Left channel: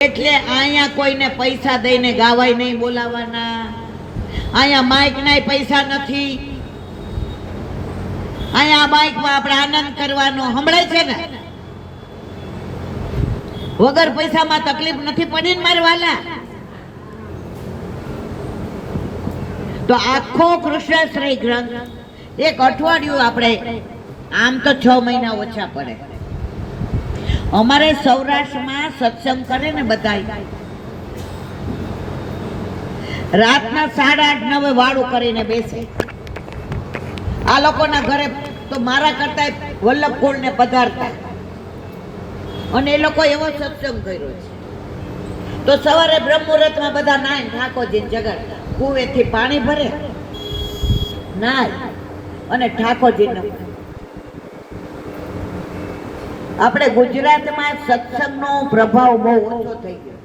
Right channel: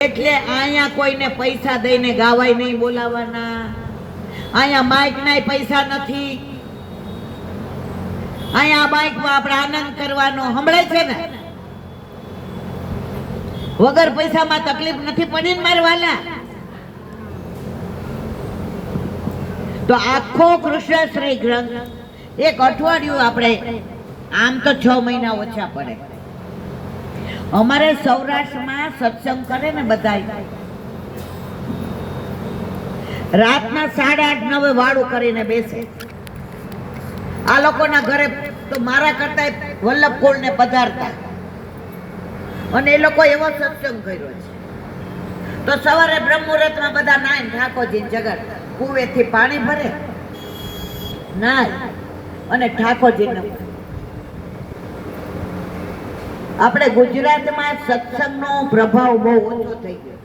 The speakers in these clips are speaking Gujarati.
એટલે અહીંયા કોઈને પૈસા દઈને ગાવાય નહીં બોલાવાના, અહીંયા માઇક ના પૈસા નથી, અહીંયા માઇકમાં આપણે આનંદ કરવાનો સંભળાય છે ને, વગર પૈસામાં તકલીફ નથી પડી ને મારા વાલા. તો આખો કૃષ્ણ શ્રી ગ્રંથ એક અઠવાડિયું આપણે, આમ તો 6 મહિના ઓછા પડે. અમારે સૌરાષ્ટ્રમાં સત્સંગ કરે ને બધા રાતના 8:30-9 વાળું કરીને બેસે. આ લોકોના ઘરે તો મારા કરતા વલ્લભકુળ ને પધારતા, અને એ લોકો એવો સત્સંગ કર્યો છે. તો સવારે બ્રહ્મ મુહૂર્તમાં બધા નાય ઠાકોરજી જગત કુવેથી પાણી ભરે, નાય અને ઠાકોરજીને. આપણે ગુજરાતમાં સત્સંગનો પ્રભાવ બહુ ઓછો થઈ ગયો.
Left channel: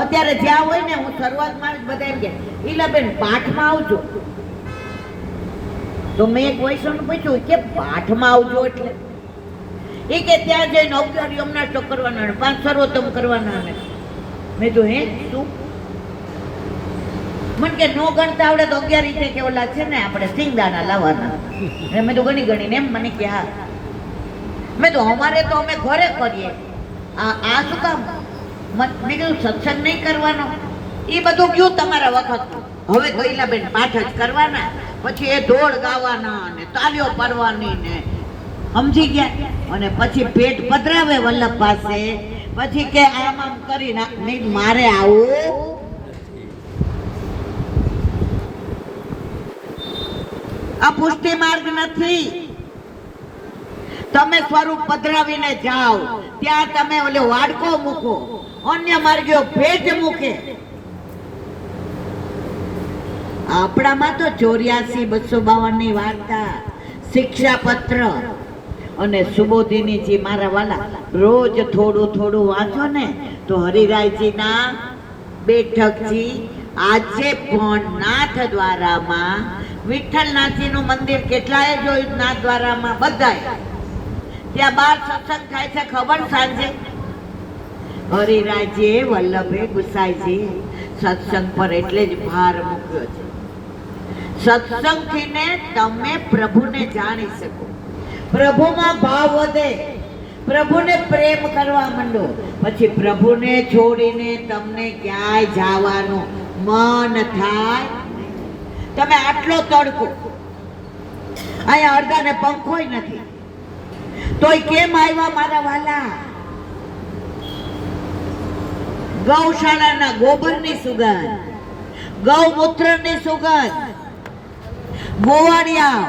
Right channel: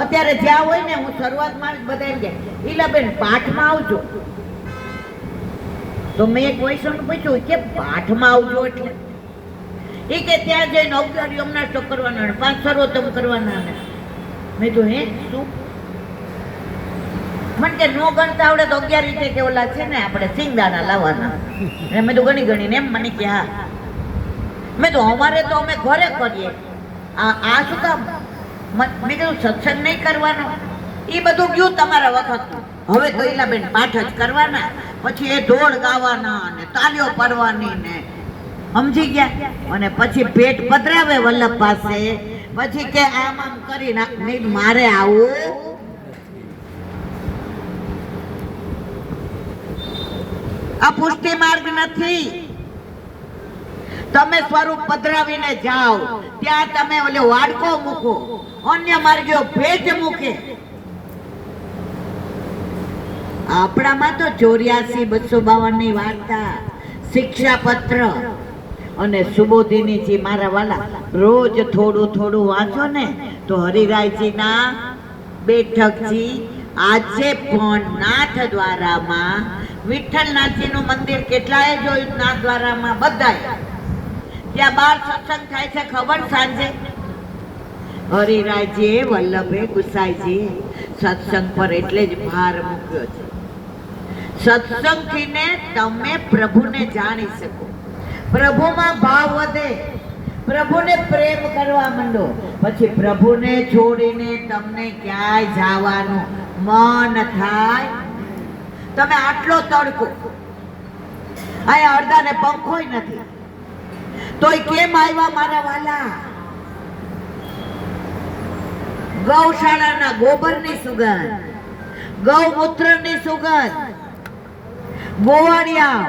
અત્યારે જ્યાં હોય ને, હું શરૂઆતમાં જ બધા એમ કે ઈલાબેન પાઠમાં આવજો. તો મેં એક વૈષ્ણવને પૂછ્યું કે પાઠમાં આવજો એટલે? એ કે ત્યાં જઈને 11 યમના સ્ટોક કરવાના, 5 સર્વોત્તમ કરવાના. મેં તો હે શું? મને કે નો ગણતા આવડે તો 11 રીતે કે ઓલા છે ને આપણે સિંગદાણા લાવવાના. મેં તો ગણી એમ. મને કે હા. મેં તો અમારે તો અમે ઘરે કરીએ, આ શું કામ? બીજું સત્સંગ નહીં કરવાનો, એ બધું ગયું તમારા વખત. હવે તો ઈલાબેન પાઠ જ કરવાના, પછી એ ઢોળ ગાવાના ને તાલીઓ પાડવાની ને, સમજી ગયા? અને પછી પેટ પધરાવે વલ્લભ પાસે, પછી કે આમ આમ કરી નાખ. મારે આવું આ પુષ્ટિ માર્ગ નથી. તમે સ્વરૂપ પધરાવીને જાઓ, ત્યાં તમે ઓલે વાડકો મૂકો, અન્ય માર્ગીઓ ભેજ મૂકે. આપણામાં તો 84-252 ની વાર્તા, શિક્ષાપત્ર અને સુબોધિની જે મારા વાલા રોજ થોડું થોડું વાંચો ને, તો હરિરાયજીના બેઠકજી આજે પણ નાથદ્વારામાં, વિઠ્ઠલનાથજીનું મંદિર કેટલાય જોયું નાથદ્વારામાં, બધાય ત્યાં 12 સત્સંગ થાય છે ખબર? સાંજે હરિરાયજીએ વલ્લભે ગુસાઈજી સત્સંગ પર એટલે જ ભાર મૂક્યો છે. સત્સંગથી ને તમે પ્રભુને જાણી શકો, પ્રભુમાં ભાવ વધે, પ્રભુને પ્રેમ કરવા માંડો, પછી પ્રભુને છોડીને તમને ક્યાંય જવાનું મન થાય? તમે આટલો તડકો, અહીંયા અડધાને પંખોય નથી, તોય કેમ આવ્યા મારા વાલા? ગૌશાળાના ગોબરની સુગંધ, ગૌમૂત્રની સુગંધ, ગોવાળિયા.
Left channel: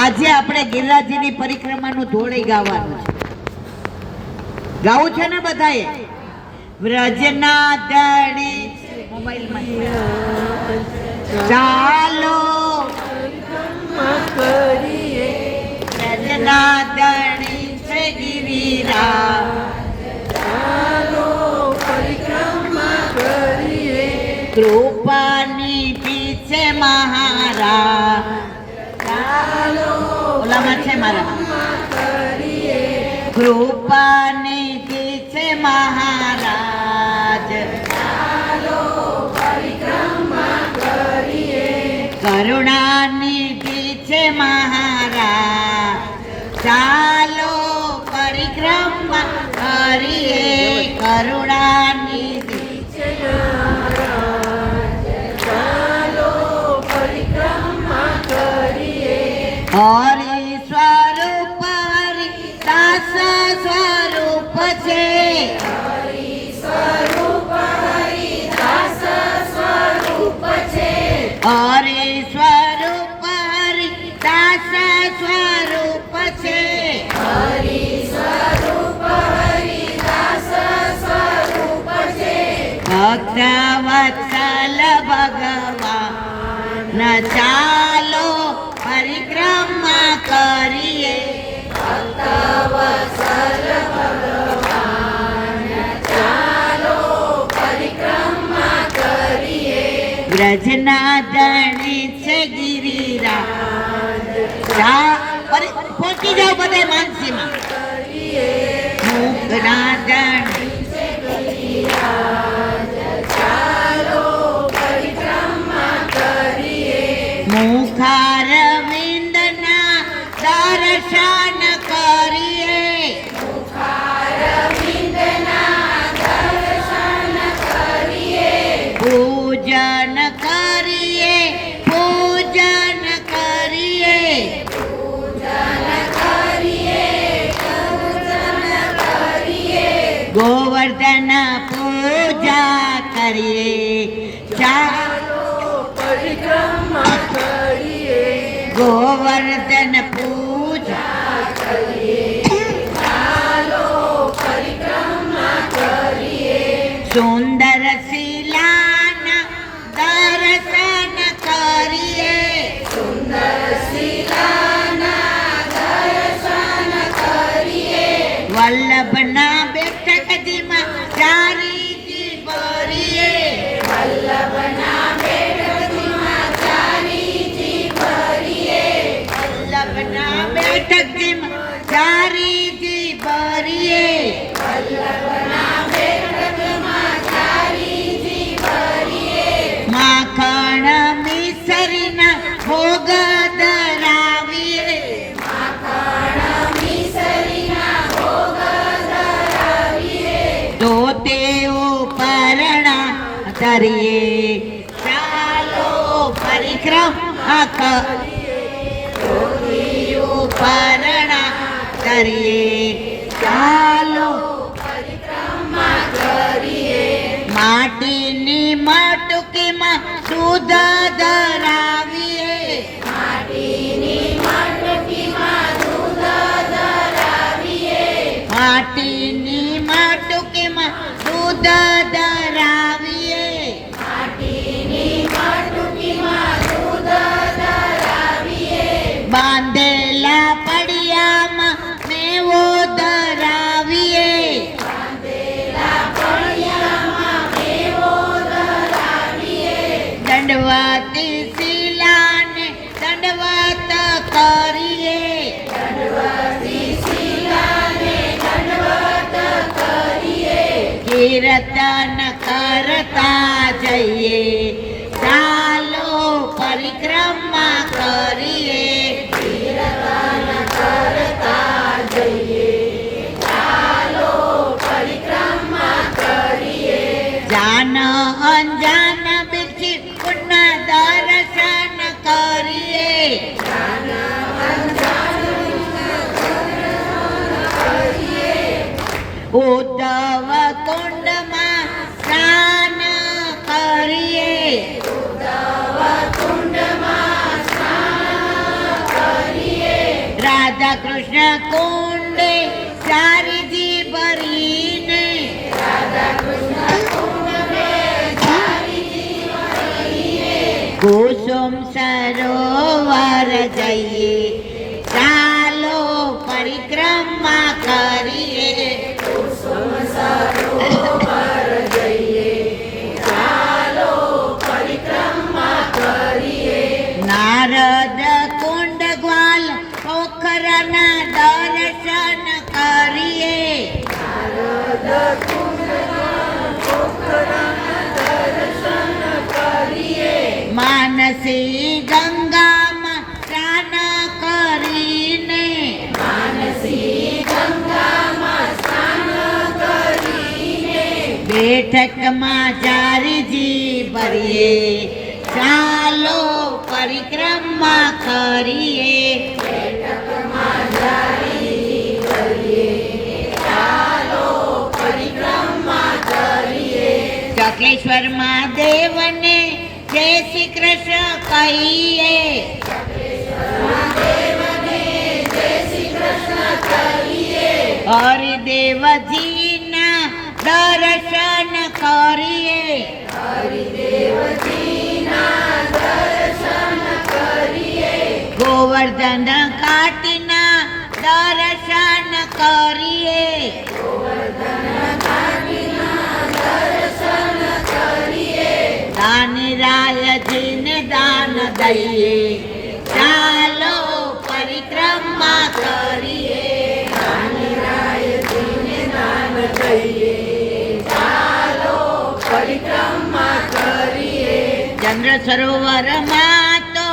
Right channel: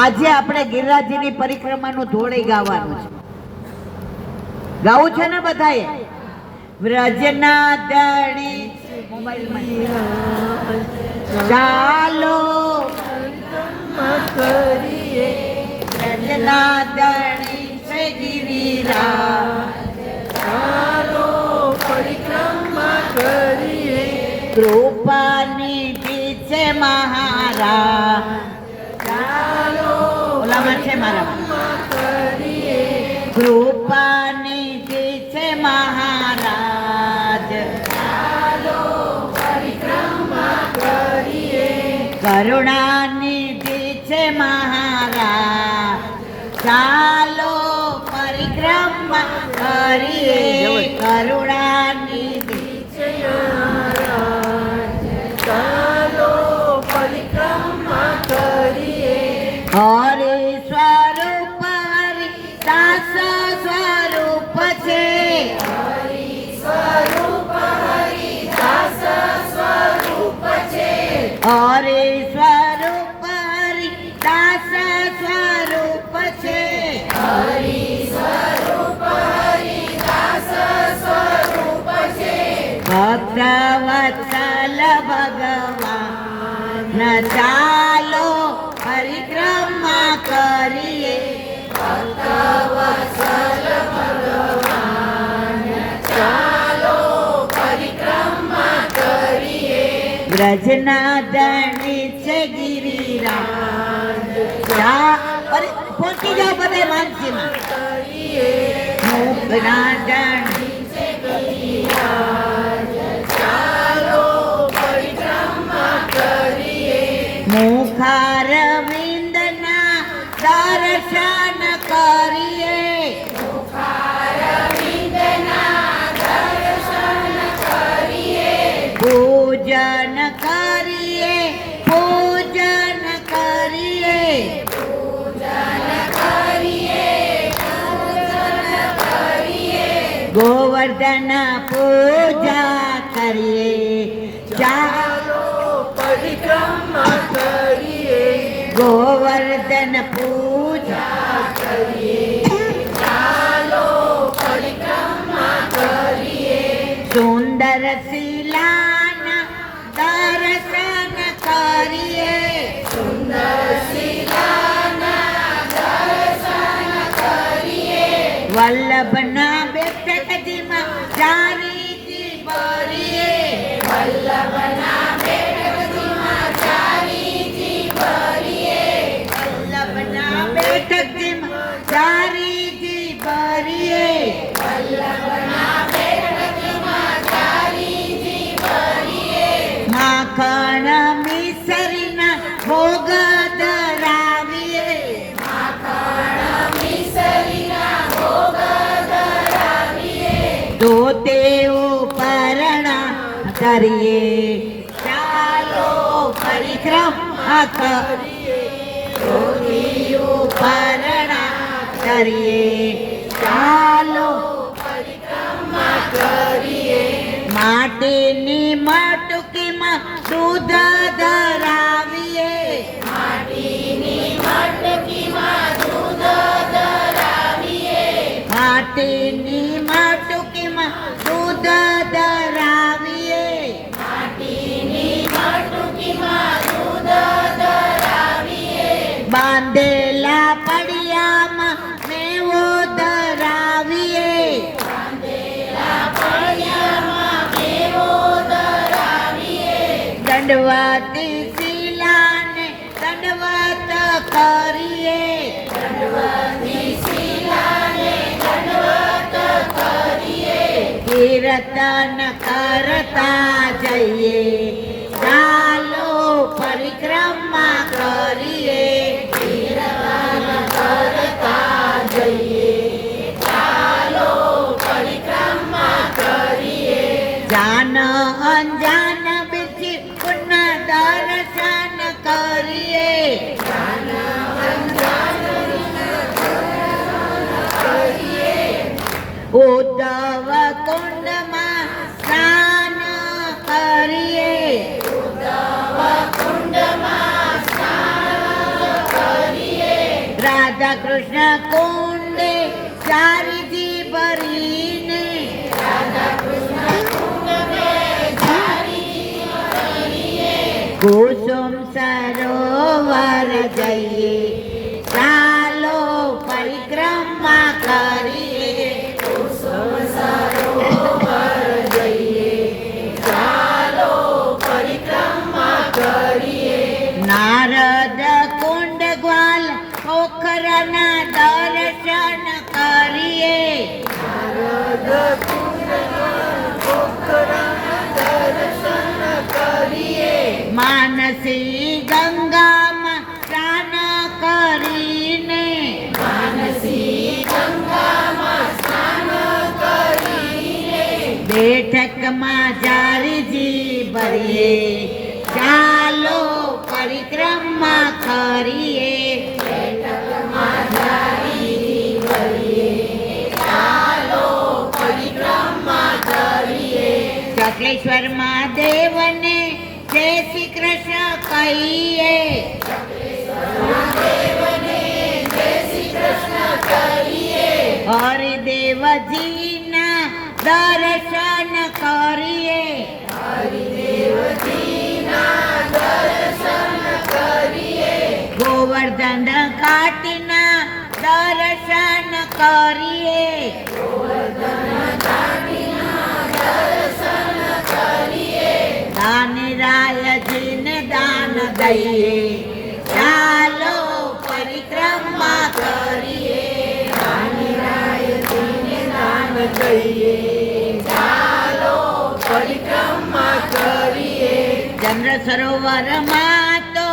આજે આપણે ગિરિરાજની પરિક્રમાનું ધોળી ગાવાનું છે. ગાવું છે ને બધાએ? વ્રજના દળી ચાલો કરીએ, વ્રજના દળી છે ગિરિરાજ, ચાલો પરિક્રમા કરીએ. કૃપાની પીછે મહારાજ, ચાલો ઓલામાં છે મારા, કૃપાની પીછે મહારાજ, ચાલો પરિક્રમા કરીએ. કરુણાની પીછે મહારાજ, ચાલો પરિક્રમા કરીએ. કરુણાની પીછે મહારાજ, ચાલો પરિક્રમા કરીએ. હરિ સ્વરૂપ હરિદાસ સ્વરૂપ છે, હરિ સ્વરૂપ હરિદાસ સ્વરૂપ છે, હરિ સ્વરૂપ હરિદાસ સ્વરૂપ છે, હરિ સ્વરૂપ હરિદાસ સ્વરૂપ છે. ભક્ત વત્સલ ભગવાન, ચાલો પરિક્રમા કરીએ. ભક્ત વત્સલ ભગવાન, ચાલો પરિક્રમા કરીએ. વ્રજના ધણી છે ગિરિરાજ, પહોંચી જાઓ બધા માનસીમાં. નાદન મુખારવિંદના દર્શન કરીએ પૂજન કરીએ પૂજન કરીએ ગોવર્ધન પૂજા કરીએ ચાલો પરિક્રમા કરીએ ગોવર્ધન પૂજા ચાલો પરિક્રમા કરીએ સુંદર શિલાના દર્શન કરીએ સુંદર શિલાના દર્શન કરીએ વલ્લભના બેઠકજીમાં ચારીજી ભરીએ વલ્લભના બેઠકજીમાં ચારીજી ભરીએ વલ્લભના બેઠકજીમાં ચારીજી ભરીએ વલ્લભના બેઠકજીમાં ચારીજી ભરીએ માખણ મિસરીના ભોગ ધરાવીએ માખણ મિસરીના ભોગ ધરાવીએ ધોતેઓ પરણા ધરીએ ચાલો પરિક્રમા કરીએ ધોતીઓ પરણા ધરીએ ચાલો પરિક્રમા કરીએ માટીની મટકીમાં દૂધ ધરાવીએ માટીની મટકીમાં દૂધ ધરાવીએ માટીની મટકીમાં દૂધ ધરાવીએ માટીની મટકીમાં દૂધ ધરાવીએ બાંધેલા પડિયામાં મેવો ધરાવીએ બાંધેલા પડિયામાં મેવો ધરાવીએ દંડવતી શિલાને દંડવત કરીએ દંડવતી શિલાને દંડવત કરીએ કીર્તન કરતા જઈએ ચાલો પરિક્રમા કરીએ કીર્તન કરતા જઈએ ચાલો પરિક્રમા કરીએ જાન અંજાન બીજી પુનઃ દર્શન કરીએ ઉદ્ધવ કુંડમાં સ્નાન કરીએ કુંડમાં સ્નાન કરીએ રાધા કૃષ્ણ કુંડે ચારીજી ભરીને રાધા કૃષ્ણ કુંડને ચારીજી ભરીએ કુસુમ સરોવર જઈએ ચાલો પરિક્રમા કરીએ સરોવર જઈએ ચાલો પરિક્રમા કરીએ નારદ કુંડ ગ્વાલ પોખરના દર્શન કરીએ નારદ કુંડમાં પોખરાના દર્શન કરીએ માનસી ગંગામાં સ્નાન કરીને માનસી ગંગામાં સ્નાન કરીને બેઠકમાં ચારીજી ભરીએ ચાલો પરિક્રમા કરીએ બેઠકમાં ચારીજી કરીએ ચાલો પરિક્રમા કરીએ ચક્રેશ્વર મહાદેવને જય શ્રી કૃષ્ણ કહીએ દેવને જય શ્રી કૃષ્ણ કહીએ હરિદેવજીના દર્શન કરીએ હરિદેવજીના દર્શન કરીએ ગોવર્ધન ઘાટના દર્શન કરીએ દર્શન કરીએ દાનરાયજીને દાન દઈએ ચાલો પરિક્રમા કરીએ રાયજીને દાન જઈએ, ચાલો પરિક્રમા કરીએ. ચંદ્ર સરોવરમાં તો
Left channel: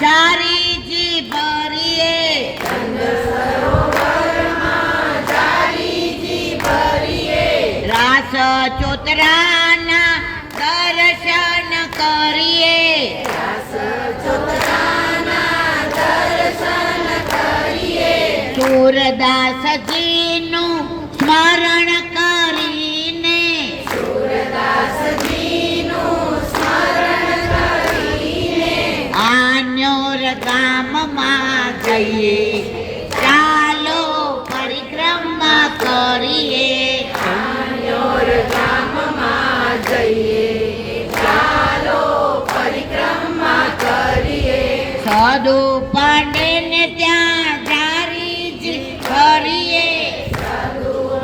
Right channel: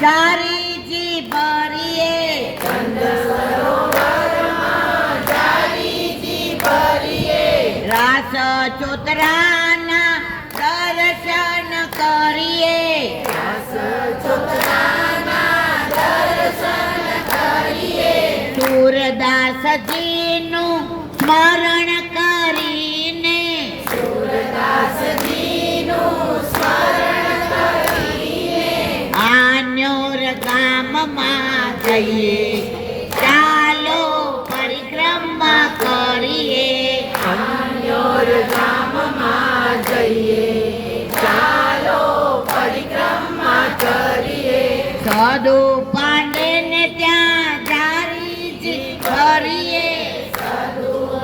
ચારીજી ભરીએ, ચંદ્ર સરોવરમાં ચારીજી ભરીએ. રાસ ચોતરાના દર્શન કરીએ, રાસ ચોતરાના દર્શન કરીએ. સૂરદાસજીનું સ્મરણ કરીને, સૂરદાસજીનું સ્મરણ કરીને આન્યોર ગામમાં જઈએ, ચાલો પરિક્રમા કરીએ. આન્યોર ગામમાં જઈએ, ચાલો પરિક્રમા કરીએ. સાધુ પાંડેને ત્યાં જારીજી ભરીએ,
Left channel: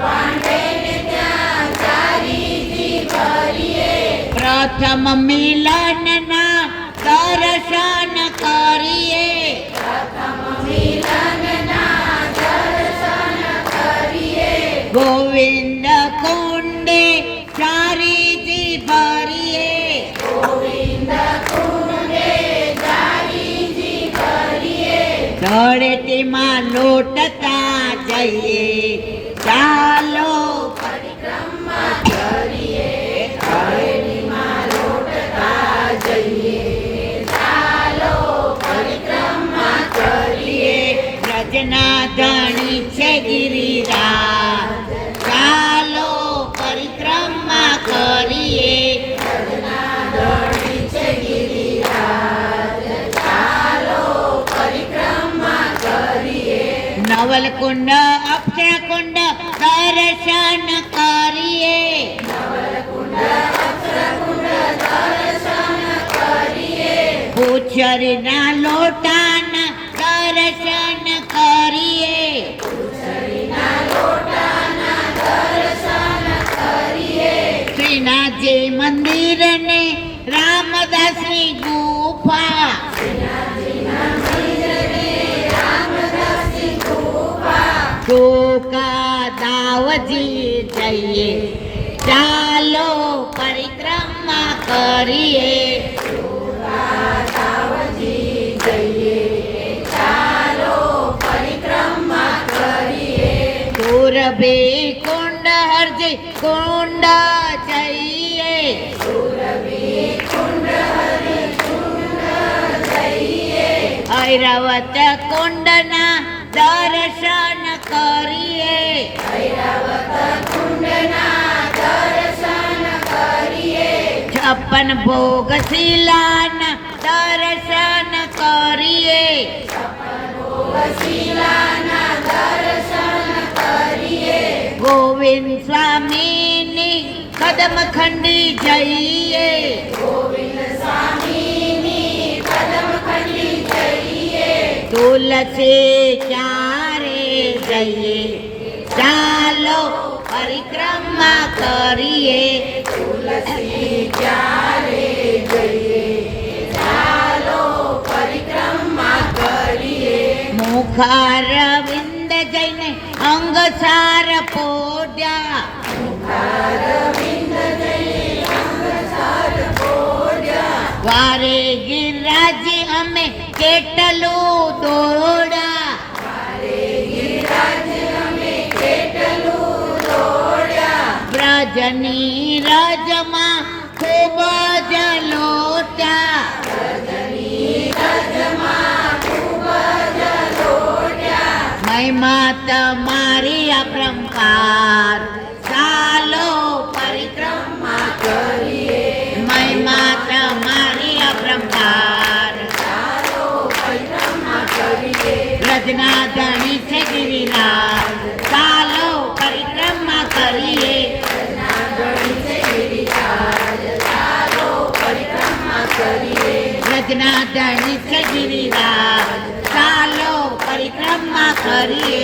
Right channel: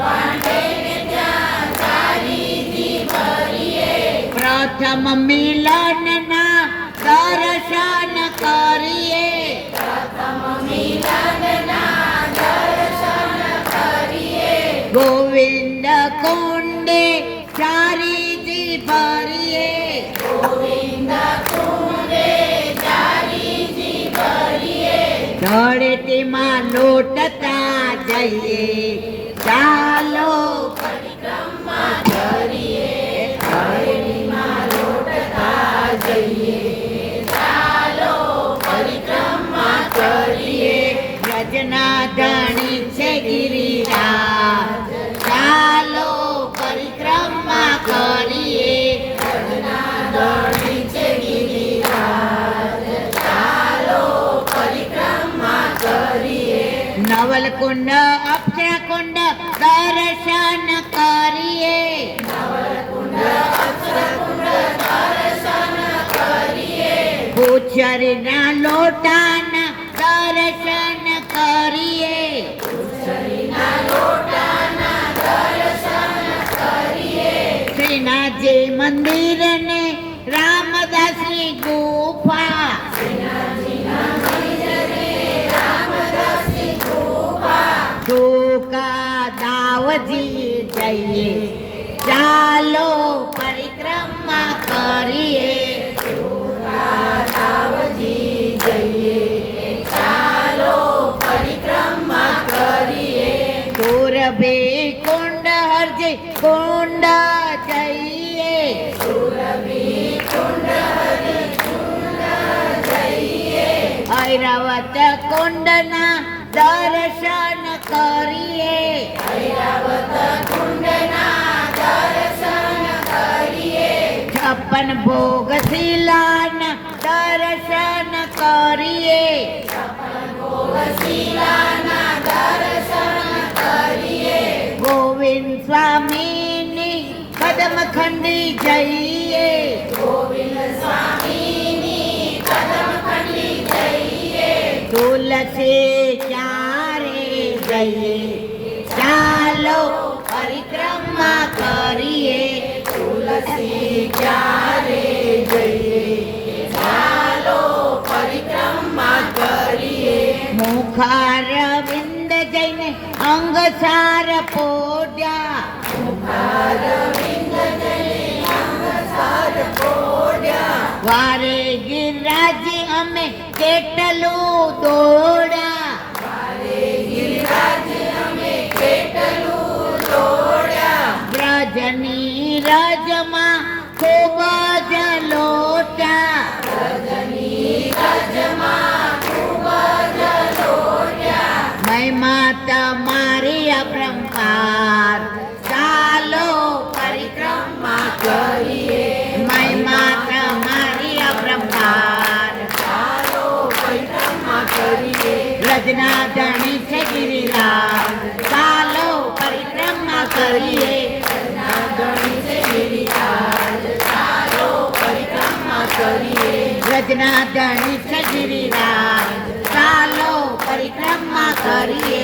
પાંડેને ત્યાં ચારીજી ભરીએ. પ્રથમ મિલનના દર્શન કરીએ, પ્રથમ મિલનના દર્શન કરીએ. ગોવિંદ કુંડે ચારીજી ભરીએ, ગોવિંદ કુંડે ચારીજી ભરીએ. ધરતીમાં લોટતા જઈએ, ચાલો પરિક્રમા કરીએ, ધરતીમાં લોટતા જઈએ, ચાલો પરિક્રમા કરીએ. રચના ધણી છે ગિરિરાજ, ચાલો પરિક્રમા કરીએ. ધણી છે ગિરિરાજ, ચાલો પરિક્રમા કરીએ. નવલકુંડ અક્ષરકુંડ દર્શન કરીએ, પૂછરીના લોટાના દર્શન કરીએ, શ્રીનાથજી મંદિરને રામદાસની ગુફા, ટૂંકા દાવજી જઈએ, ચાલો પરિક્રમા કરીએ. દાવજી જઈએ, ચાલો પરિક્રમા કરીએ. સુરભી કુંડ હરજી કુંડ જઈએ, ઐરાવત કુંડના દર્શન કરીએ, છપ્પન ભોગ શિલાના દર્શન કરીએ, ગોવિંદ સ્વામીની કદમ ખંડી જઈએ, તુલસી ચારે જઈએ, ચાલો પરિક્રમા કરીએ. ક્યારે જઈએ, ચાલો પરિક્રમા કરીએ. મુખારવિંદ જઈને અંગસાર પોડ્યા, વારે ગિરિરાજી અમે કેટલું દોડા, બ્રજની રજમાં ખૂબ જ લોટ્યા, મહિમા તમારી અપરંપાર, ચાલો પરિક્રમા કરીએ. મહિમા તમારી અપરંપાર, રચના ધણી છે ગિરિરાજ, ચાલો પરિક્રમા કરીએ. રચના ધણી છે ગિરિરાજ, ચાલો પરિક્રમા કરીએ.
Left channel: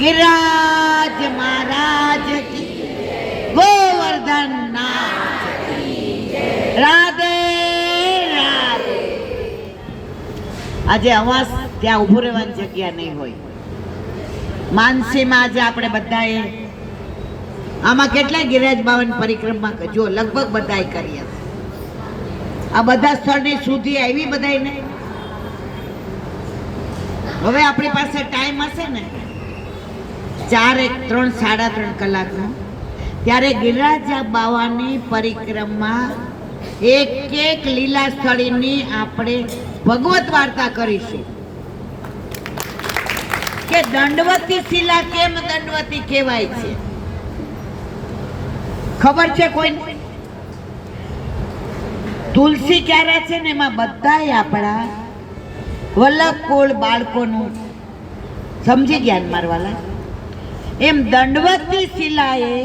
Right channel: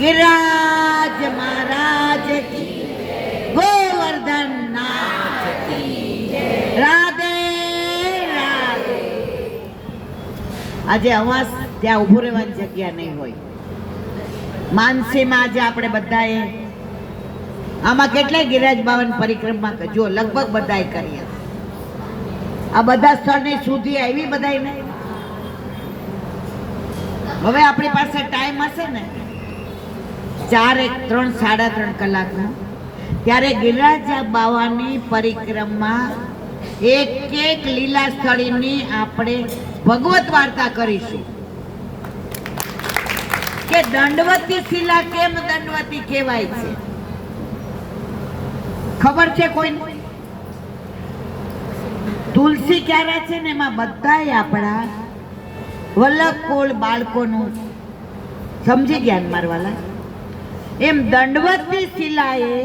ગિરિરાજ મહારાજ કી, ગોવર્ધન નાથ કી, રાધે રાધે. આજે અમાસ ત્યાં ઊભું રહેવાની જગ્યા નહીં હોય. માનસીમાં આજે આપણે બધાએ આમાં કેટલાય ગિરિરાજ બાવાની પરિક્રમા જો લગભગ બધાએ કરી હશે. આ બધા સ્થળની સુધી આવી બધાને. હવે આપણી પાસે ટાઈમ હશે ને 4 1 3 3.5 કલાકનો, ત્યારે ગિરિરાજ બાવાની પરિક્રમા એક લીલા સ્થળીની આપણે ભગવત વાર્તા કરીશું કે દંડવતી શિલા કેમ દંડવતી કહેવાય છે. ખબર છે કોઈને? તુલસી ક્યારે છે ને એમાં બધાય આપણા વલ્લભ કુળ બાળકોનું સમજી ગયા મારવાલા. એમ દંડવતી શિલાએ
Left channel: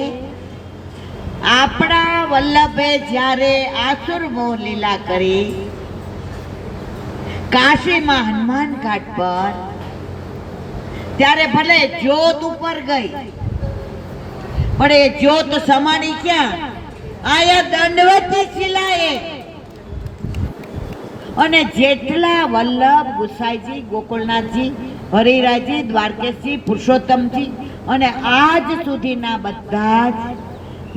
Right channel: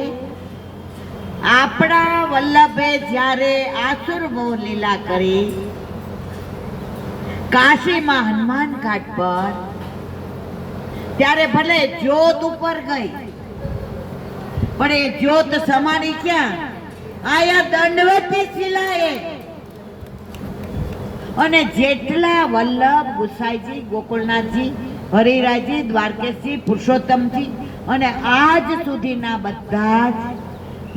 આપણા વલ્લભે જ્યારે આસુર મોહ લીલા કરી કાશીમાં હનુમાન ઘાટ પર, ત્યારે ભલે જ્યોત ઉપર ગઈ પણ એ જ્યોત સમાણી ક્યાં? આયા દંડવતી શિલાએ. અને જેટલા વલ્લભ ગુસાઈજી, ગોકુળનાથજી, હરિરાયજી, દ્વારકેશજી, પુરુષોત્તમજી અને આજ સુધીના બધા જ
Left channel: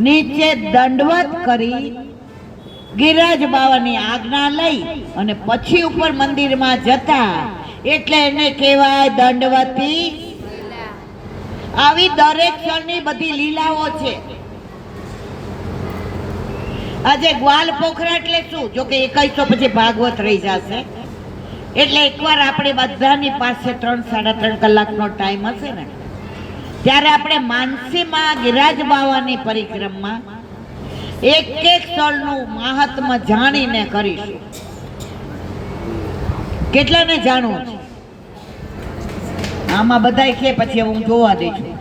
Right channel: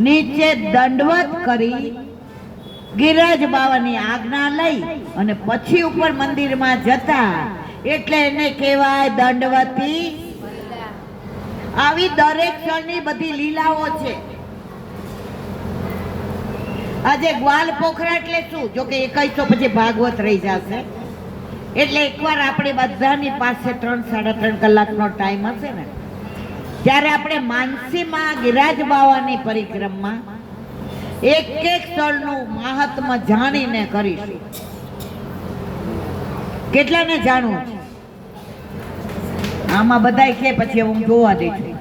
નીચે દંડવત કરી ગિરિરાજ બાવાની આજ્ઞા લઈ અને પછી ઉપર મંદિરમાં જતા, એટલે એને કહેવાય દંડવતી. આવી દરેક ક્ષણની બધી લીલાઓ છે. આજે ગ્વાલ પોખરા એટલે શું? જો કે 2100 પછી ભાગવત રહી જશે, એટલે એકવાર આપણે બધાની પાસે 3 3.5 કલાકનો ટાઈમ હશે ને, ત્યારે આપણે માનસીમાં ગિરિરાજ બાવાની પરિક્રમા એક સ્થળનું મહાત્મ્ય જાણીને કરીશું. કેટલાને જાણવું છે? આમાં બધાય કે પછી હું જોવા દઈશું.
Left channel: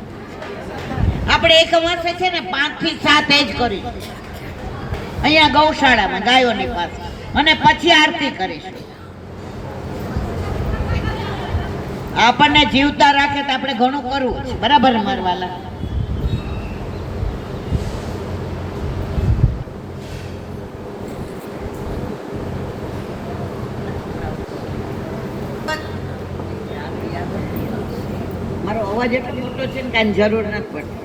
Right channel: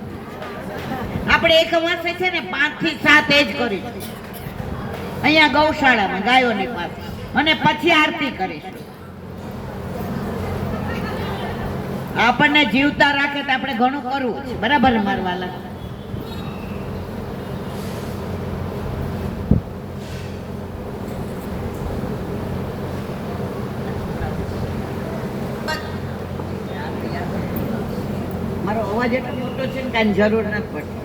આપણે એક માસે છે ને 5 થી 7 જ કરીશું અહીંયા ગૌશાળામાં ગાયોની પાસે, અને પછી આરતી કરીશું. આપણને જીવતા રાખે તો આપણે ઘણું કરવું છે, બરાબર મારવાલા? મારો અવાજ એટલો મોટો છે ને કાંઈ જરૂર નથી પડતી.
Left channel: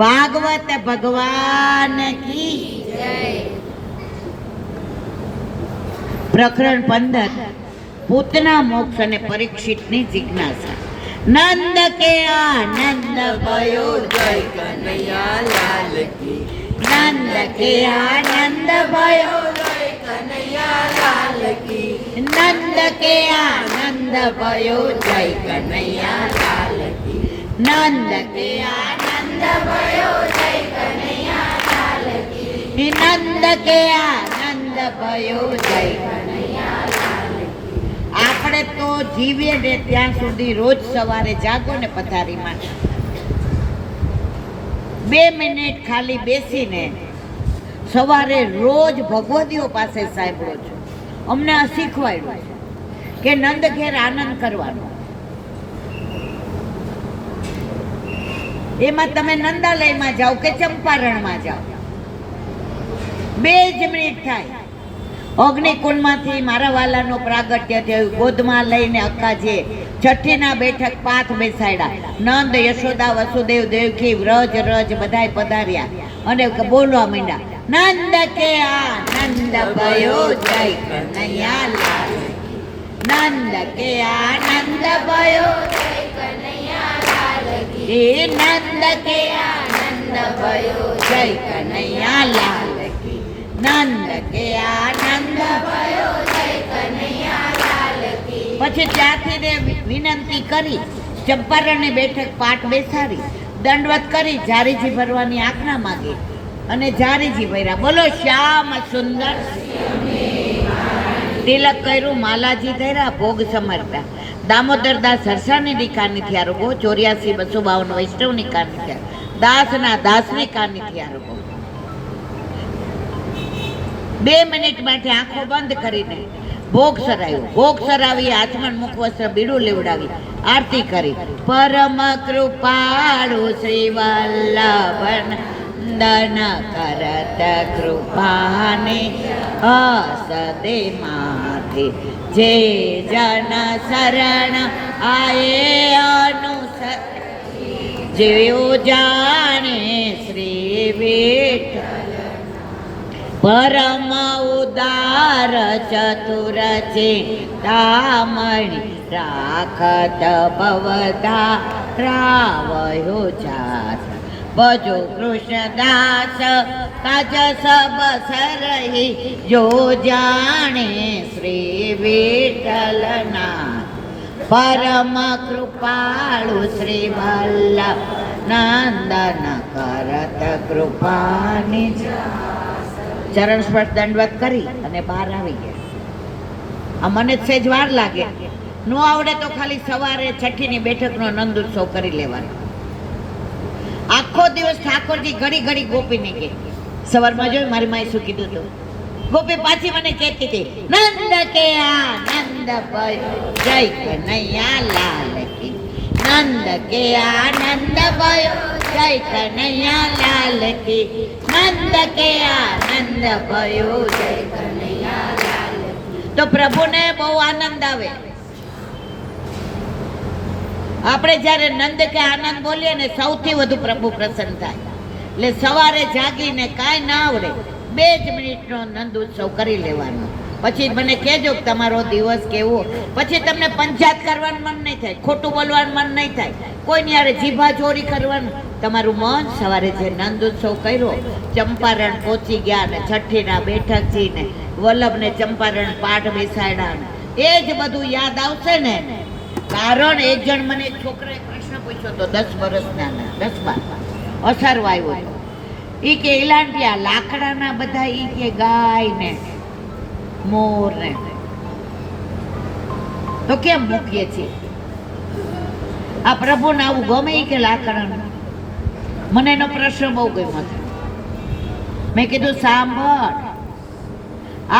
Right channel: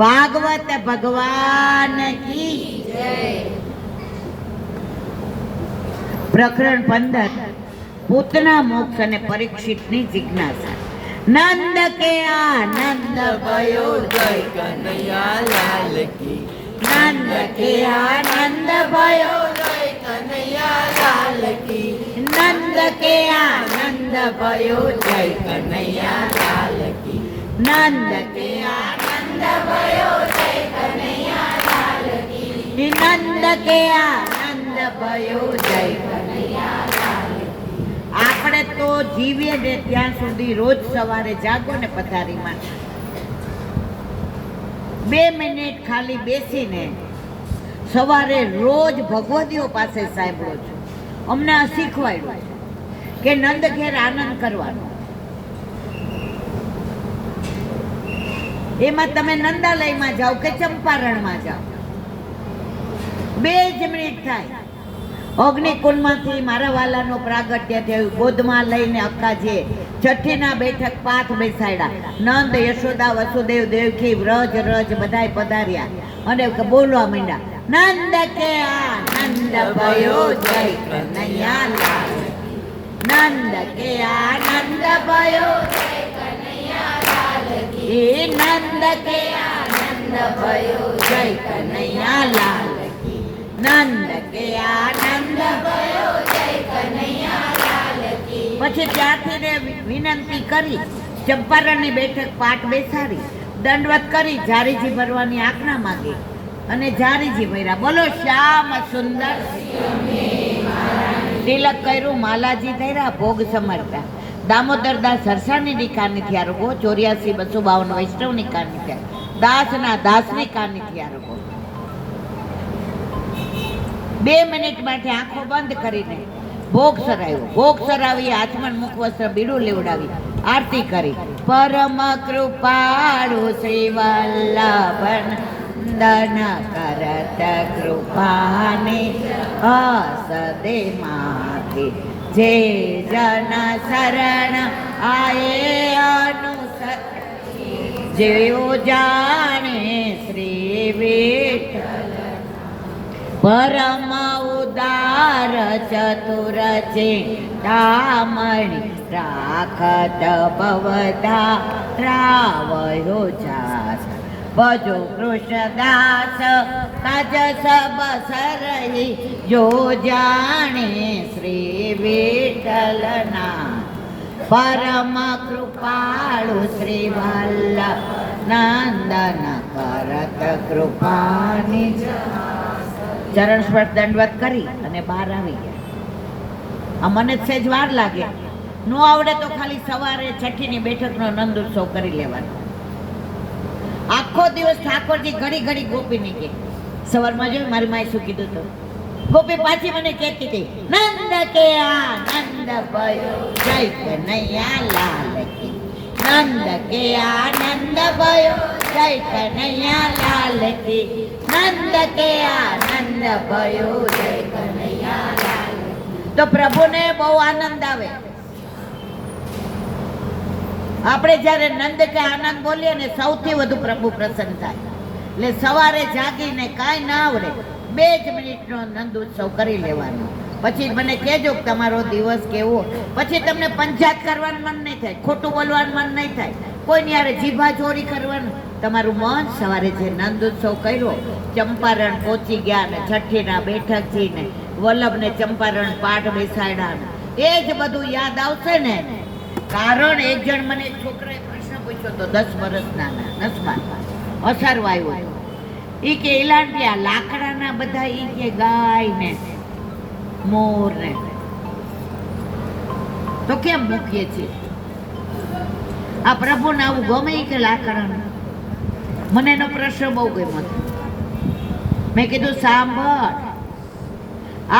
ભાગવત ભગવાન કી જય. પ્રકરણ 15 પૂતના મોક્ષ અને પરીક્ષિતની જિજ્ઞાસા. નંદ કે આનંદ ભયો જય કનૈયા લાલ કી. નંદ કે આનંદ ભયો જય કનૈયા લાલ કી. નંદ કે આનંદ ભયો જય કનૈયા લાલ કી. નંદ કે આનંદ ભયો જય કનૈયા લાલ કી. નંદ કે આનંદ ભયો જય કનૈયા લાલ કી. આપણે તો જીવીએ ને ત્યાં સુધી રોજ સવારે જાગો ને પથારીમાં 2 મિનિટ ખાલી બેસીને સવારે રોજ ભગવતીઓ પાસે સાંભળો છો. અમને આ શીખવાડ્યું કે નંદ ઘેર આનંદ કરવાનો. એમાં તમે નંદાલયમાં જાઓ કે ચંપારણમાં જાઓ, 2 જ મિનિટ થાય. અગ્નિકુંડમાંથી મારા વાલાનો પ્રાગટ્ય થયું. ગોદમાં લઈને અક્કાજીએ છઠ્ઠીના બેઠક પાથ બેસાડ્યા. નંદ, યશોદા, વસુદેવ, દેવકી, વ્રજ રજ બધાય પધાર્યા અને બોલવા માંડ્યા. નંદ કે આનંદ ભયો જય કનૈયા લાલ. નંદ કે આનંદ ભયો જય કનૈયા લાલ કી. નંદ કે આનંદ ભયો જય કનૈયા લાલ કી. નંદ કે આનંદ ભયો જય કનૈયા લાલ કી. પછી ત્યાંથી વિનંતી કરી, ચંપારણની બેઠક પાઠ બેસાડી, દંડવત કરી, જારીજી ભરવાની આજ્ઞા માંગી અને જારીજી ભર્યા. બોલો શ્યામ સુંદર. તિલક કર્યું, માલાજી કર્યા, ભોગ સમર્પ્યા. દામોદરદાસ સરસાની નિકાની થયા રોગો, 84 252 વૈષ્ણવની કાની થયા, દાસના દાસની કાની થયા રોગો. 2 મિનિટ માટે આંખો બંધ કરીને ભોગ સરાવ્યો. ભોગ સરાવી આચમન મુખ વસ્ત્ર બીડું લેવડાવી આરતી કરી. પરમ કૃપાળુ શ્રી વલ્લભન દન કરત કૃપાને હસદે માથે જે જન શરણ આયે અનુસર જેઓ જાણે શ્રી વિઠ્ઠલ પરમ ઉદાર ચતુર ચિંતામણી રાખત ભવતા રાવયો જાસ ભજો કૃષ્ણદાસ કાજ સબ સરહી જો જાણે શ્રી વિઠ્ઠલના પરમ કૃપાળુ શ્રી વલ્લભ નંદન કરત કૃપાની ચરણ સ્પર્શ દંડવત કરી અને બહાર આવી ગયા. આ મને સેજ વાર લાગે, નો આવડે તો ખાલી સવારે છઠ્ઠીની બેઠકનો નંદ ઉત્સવ કરી લેવાનો. આખો દિવસ ઠાકોરજી ઘડી ઘડી ગોપીને કે સવારમાં જોઈ મારી માએ શું કીધું હતું. ગોપી પાછી મને કહેતી હતી, નંદ કે આનંદ ભયો જય કનૈયા લાલ કી, નંદ કે આનંદ ભયો જય કનૈયા લાલ કી, નંદ કે આનંદ ભયો જય કનૈયા લાલ. તો પ્રભુને બહુ આનંદ આવે. આપણે જ્યારે નંદ કે આનંદ બોલીએ ને સૌથી વધુ પ્રભુ પ્રસન્ન થાય. એટલે સવારે જાગીને કાંઈ ના આવડે 2 જ મિનિટનો નંદ ઉત્સવ કરી લેવાનો. પછી મને કહેજો કે તમારો દિવસ કેવો. પછી તમને પંચાયત કરવાનું મન નહીં થાય, ખોટું બોલવાનું મન નહીં થાય, કોઈની યારે જીભા ચોરી કરવાનું. તમારું મન સવારે જે નંદ ઉત્સવ કર્યો, ચંપારણ પહોંચી ગયા ને છઠ્ઠીના બેઠકજી ને વલ્લભને ચંપારણ પાઠ બેસાડ્યા, એ જ બધું યાદ આવશે ને. કારણ એક જણ મને એક છોકરાએ પ્રશ્ન પૂછ્યો તો 10 વર્ષના 10 અસરવા આવ્યો હતો. એ કે ઇલાંટિયા લાકડાના બધા ઈ કે ગાય ને મોર ને તો કેમ મૂકીએ છીએ? આ પ્રભુને આવું ગમે કે લાકડાનું? મને એનો પ્રશ્ન બહુ ગમ્યો હતો. મેં કીધું સાંભળ,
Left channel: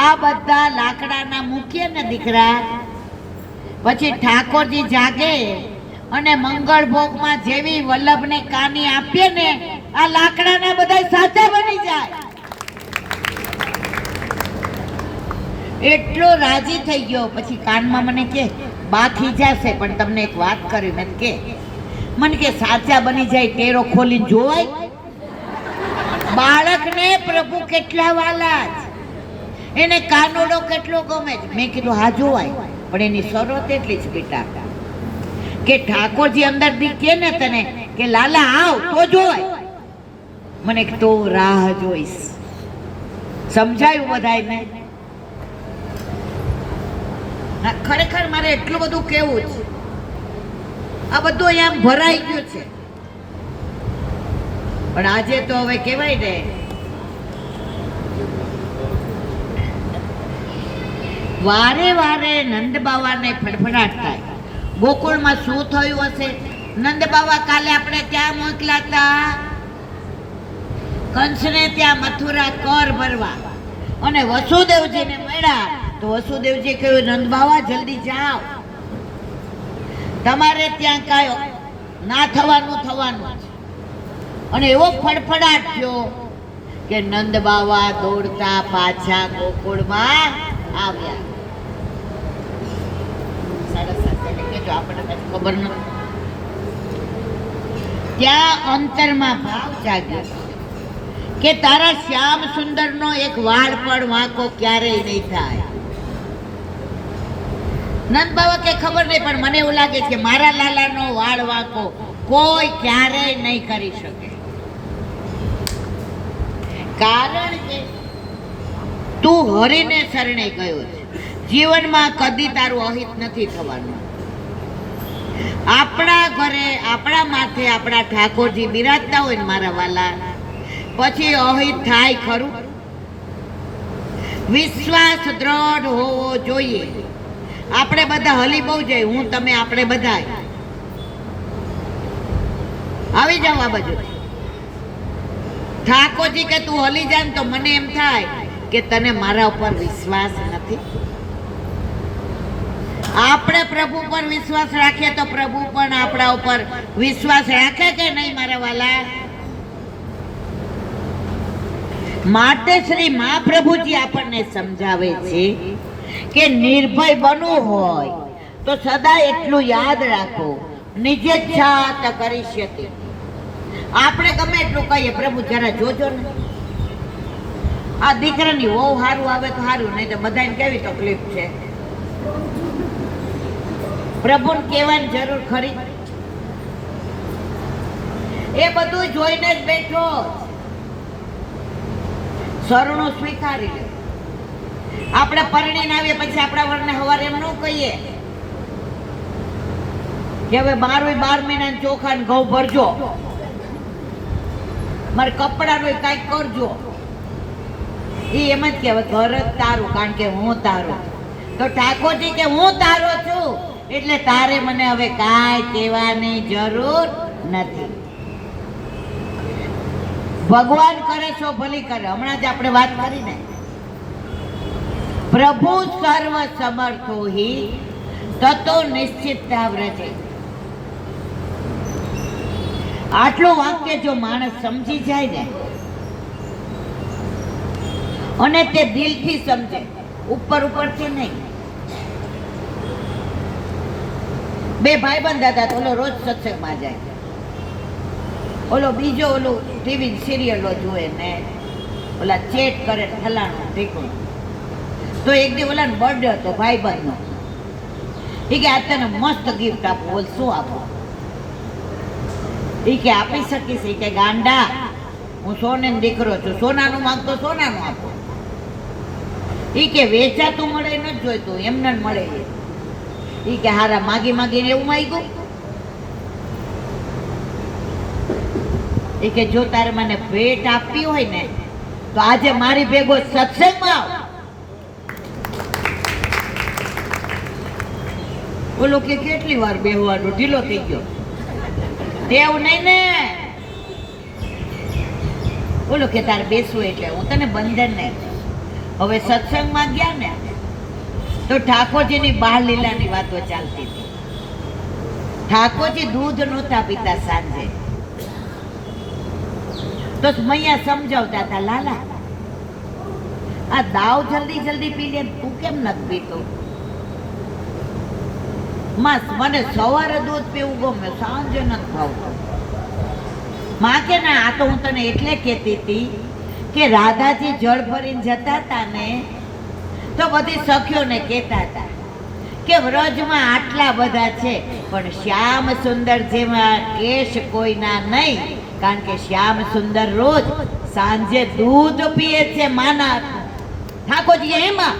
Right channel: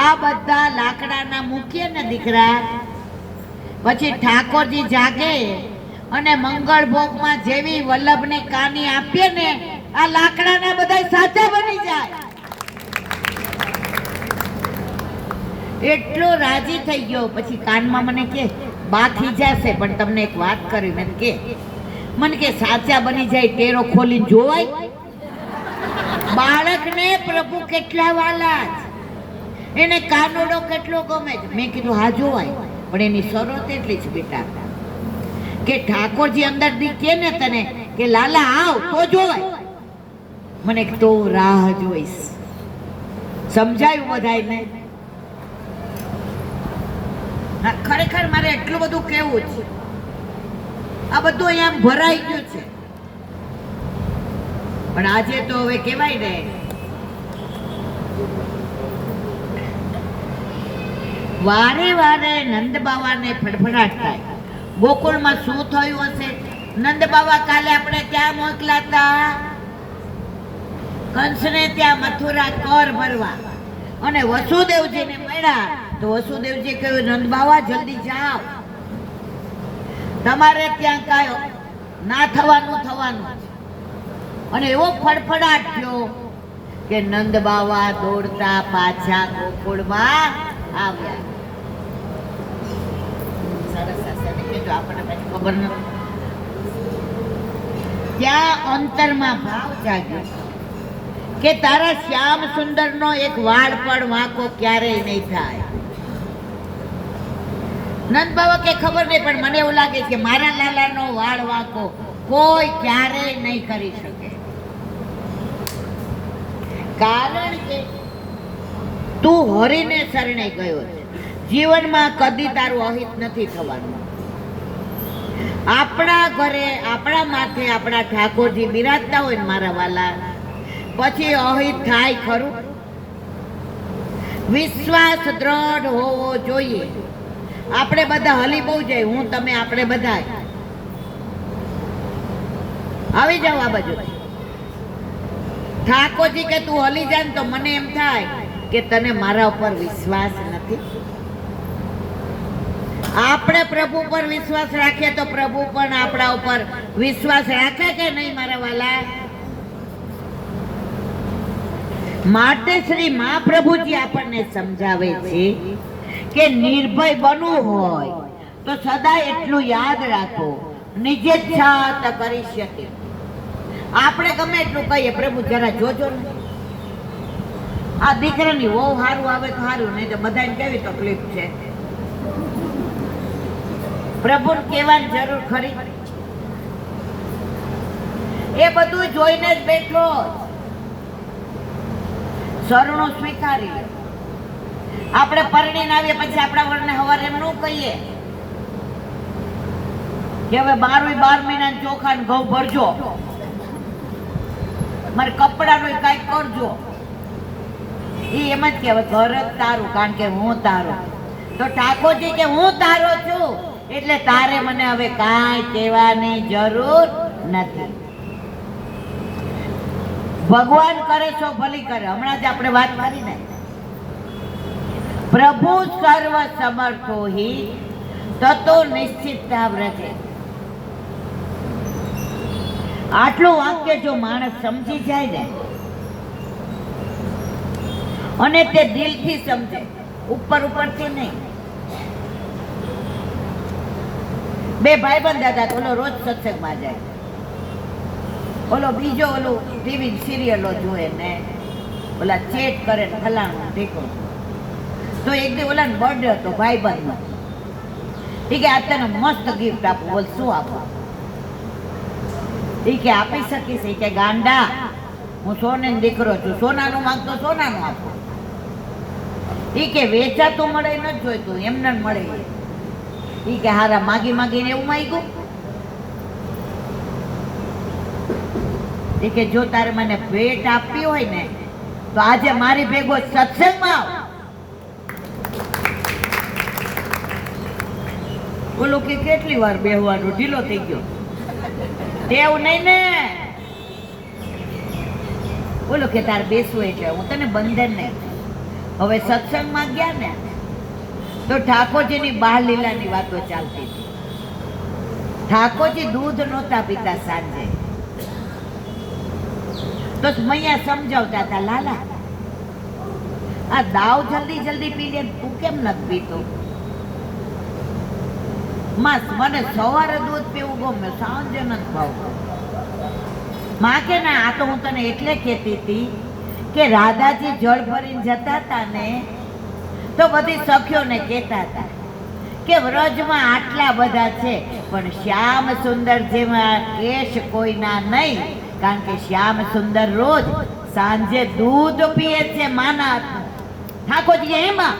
આ બધા લાકડાના મૂકીએ ને દીકરા, પછી ઠાકોરજી જાગે અને મંગળ ભોગમાં જેવી વલ્લભને કાની આપીએ ને, આ લાકડાના બધા સાચા બની જાય. એટલો રાજી થઈ ગયો. પછી કાનમાં મને કે બાકી જશે, પણ તમને એક વાત કરી મેં કે મને કે સાચા બની જાય ટેરો ખોલીને જોવાય. બાળકને પ્રભુ કેટલા વાલા છે, એને કાનોડો કેટલો ગમે છે. મેં કીધું હા જોવાય, પણ એની શરત એટલી જ બેટા કે ઠાકોરજી અંદર દી કે ને તને કે લાલા આવ તો જોવાય. મને તો રાહ જોઈશ. સમજાયું બધાયને? ખરેખર મારે એટલું બધું કેવું છે. આ બધું અહીંયા ભરાઈ ગયું છે, પણ આજે તો હવે કહેવાય ને, વારે વારે નંદ બાવાને ફડફડાટ થાય. ગોકુળમાં શું થયું હશે? નંદ બાવા કાલે આપણે ત્યાં મોકલાતા કંસને ત્યાં મથુરા કર ભરવા, અને વસુદેવજીને મળ્યા તો વસુદેવજી કહ્યું નંદ બાવા જલ્દી જાઓ, તમારે ત્યાં કાંઈ ના થવાનું થવાનું. અને એવો ફડફડાટ થયો કે નંદ બાવા દોડતા પાછા ગોકુળમાં આવ્યા. આપણને ખબર નથી. ત્યાં અંતરમાં ભાવ જાગ્યો કે તારા શ્યામ સુંદરનો એક વાળ પણ વાંકો ક્યારેય નહીં થાય. નંદ બાવા કે ખબર નહીં, પણ મને એવું લાગે કે મારા લાલાનો વાળ વાંકો કોઈ ક્યારેય નહીં કરી શકે. કારણ કે તું હરિને શરણે ગયો છે. જીવનમાં કદી તારું અહિત નથી થવાનું. આપણા ઘરે આપણા માથે આપણા ઠાકોરજી બિરાજતા હોય ને મારા વાલા, પછી અહિત થાય ખરું? વિશ્વાસ દ્રઢ હોવો જોઈએ. આપણે બધા હલી બહુ જઈએ, હું તમે આપણે બધા આવી જાવ આ બાજુ. ઠાકોરજી કે તું હલી જા તો મને એમ થાય કે તને મારા ઉપર વિશ્વાસ નથી. આપણે પ્રભુ પર વિશ્વાસ રાખીએ તો પ્રભુ પણ આપણા ઉપર વિશ્વાસ રાખે કે નહીં મારા વાલા? માટે શ્રી મહાપ્રભુજી આપણને સમજાવે છે કે નિર્ભય બનવું હોય તો સદા એટલું યાદ રાખો, નિજેચ્છાત કરિષ્યતિ. આપણે ગમે એટલું કહીએ, પ્રભુ જરા જોજો ને, આ દીકરાની વહુ સારું આવે તો સારું, નહીં તો બધાને કેવી તકલીફ છે. પ્રભુને કહેવાની જરૂર ખરી? એ બધું જોઈને જ બેઠો, શરણું સ્વીકારી લે. આપણે પરણીને આવીએ પછી આપણા વરને સવારે એમ ન કહીએ કે હવે 12 મહિના ચોખા ને ઘઉં ભરજો, મારે કપડાનું કાંઈક કરજો. એ એમ જ કે હવે ઘર જ તારું, કારણ કે હું તારો. તો ઠાકોરજી કે હું તારો છું, એટલે તારે મને હવે કાંઈ કહેવાની જરૂર નથી. ભગવાન કરે છો ભલી કરે. હમણાં જ આપણે વાત કરી ને, પ્રભુ સર્વ સમર્થો હિ તતો નિશ્ચિતતા વ્રજે. આટલું વાક્ય જો માણસ સમજી જાય ને, અને તે દિલથી સમજે, ઉપરથી નહીં. બે ભાઈબંધ હતા, તો ઓલો રોજ સત્સંગમાં જાય, ઓલો બીજો ઓલું ટીવી સિરિયલો જોવે ને ઓલા ચેટ કરે ને ફલાણું ઢીકણું. તો એક દી ઓલા બર્થડે હતો ભાઈબંધનો. એ કે આ તને મસ્ત ગિફ્ટ આપું. બોલ શું આપું? એ કે આપી શકીશ? એ કે ગાંડા, હું સોને દીકરો છું, સોનાનું માંગતો સોનાનું આપું. એ કે વેચાતું મળે નથી જોઈતું, એમને મળે. એ કે હારા માગી માગીને એવું માંગ્યું. એ કે જો તારે મને ભેટ આપવી હોય ને તો આજે મારી ભેગો સત્સંગમાં આવ. ઓલું કે કેટલી વાર બેહવાનું, ઢીલો થઈ ગયો. તેવું નહીં ને. ઓલું કે તારે બેસવું એટલે હું તને બંધન નહીં. હવે સત્સંગમાં ગયા ને તો ઠાકોરજીની બાળ લીલાની વાતો ચાલતી હતી. ઠાકોરજી દૂધ નહોતા પીતા સાંજે, તો મૈયા સમજાવતા હતા, લાલા આ દાવ જલ્દી જલ્દી પી લે, તું કેમ નથી પીતો? મને સવારે દૂધ પીવું ગમે, સાંજે નથી ભાવતું. માં કે ના, આ તો હું તને એટલે કહેતી હતી કે રાધાજી જળ ભરીને જતા હતા ને તો બધી સખીઓને કહેતા હતા કે વ્રજમાં આટલા બધા છે પણ શ્યામ સુંદર જેવા કેશ કોઈના નહીં, કારણ કે શ્યામ સુંદર રોજ સાંજે દૂધ પીએ છે માના હાથનું. ઠાકોરજી એમાં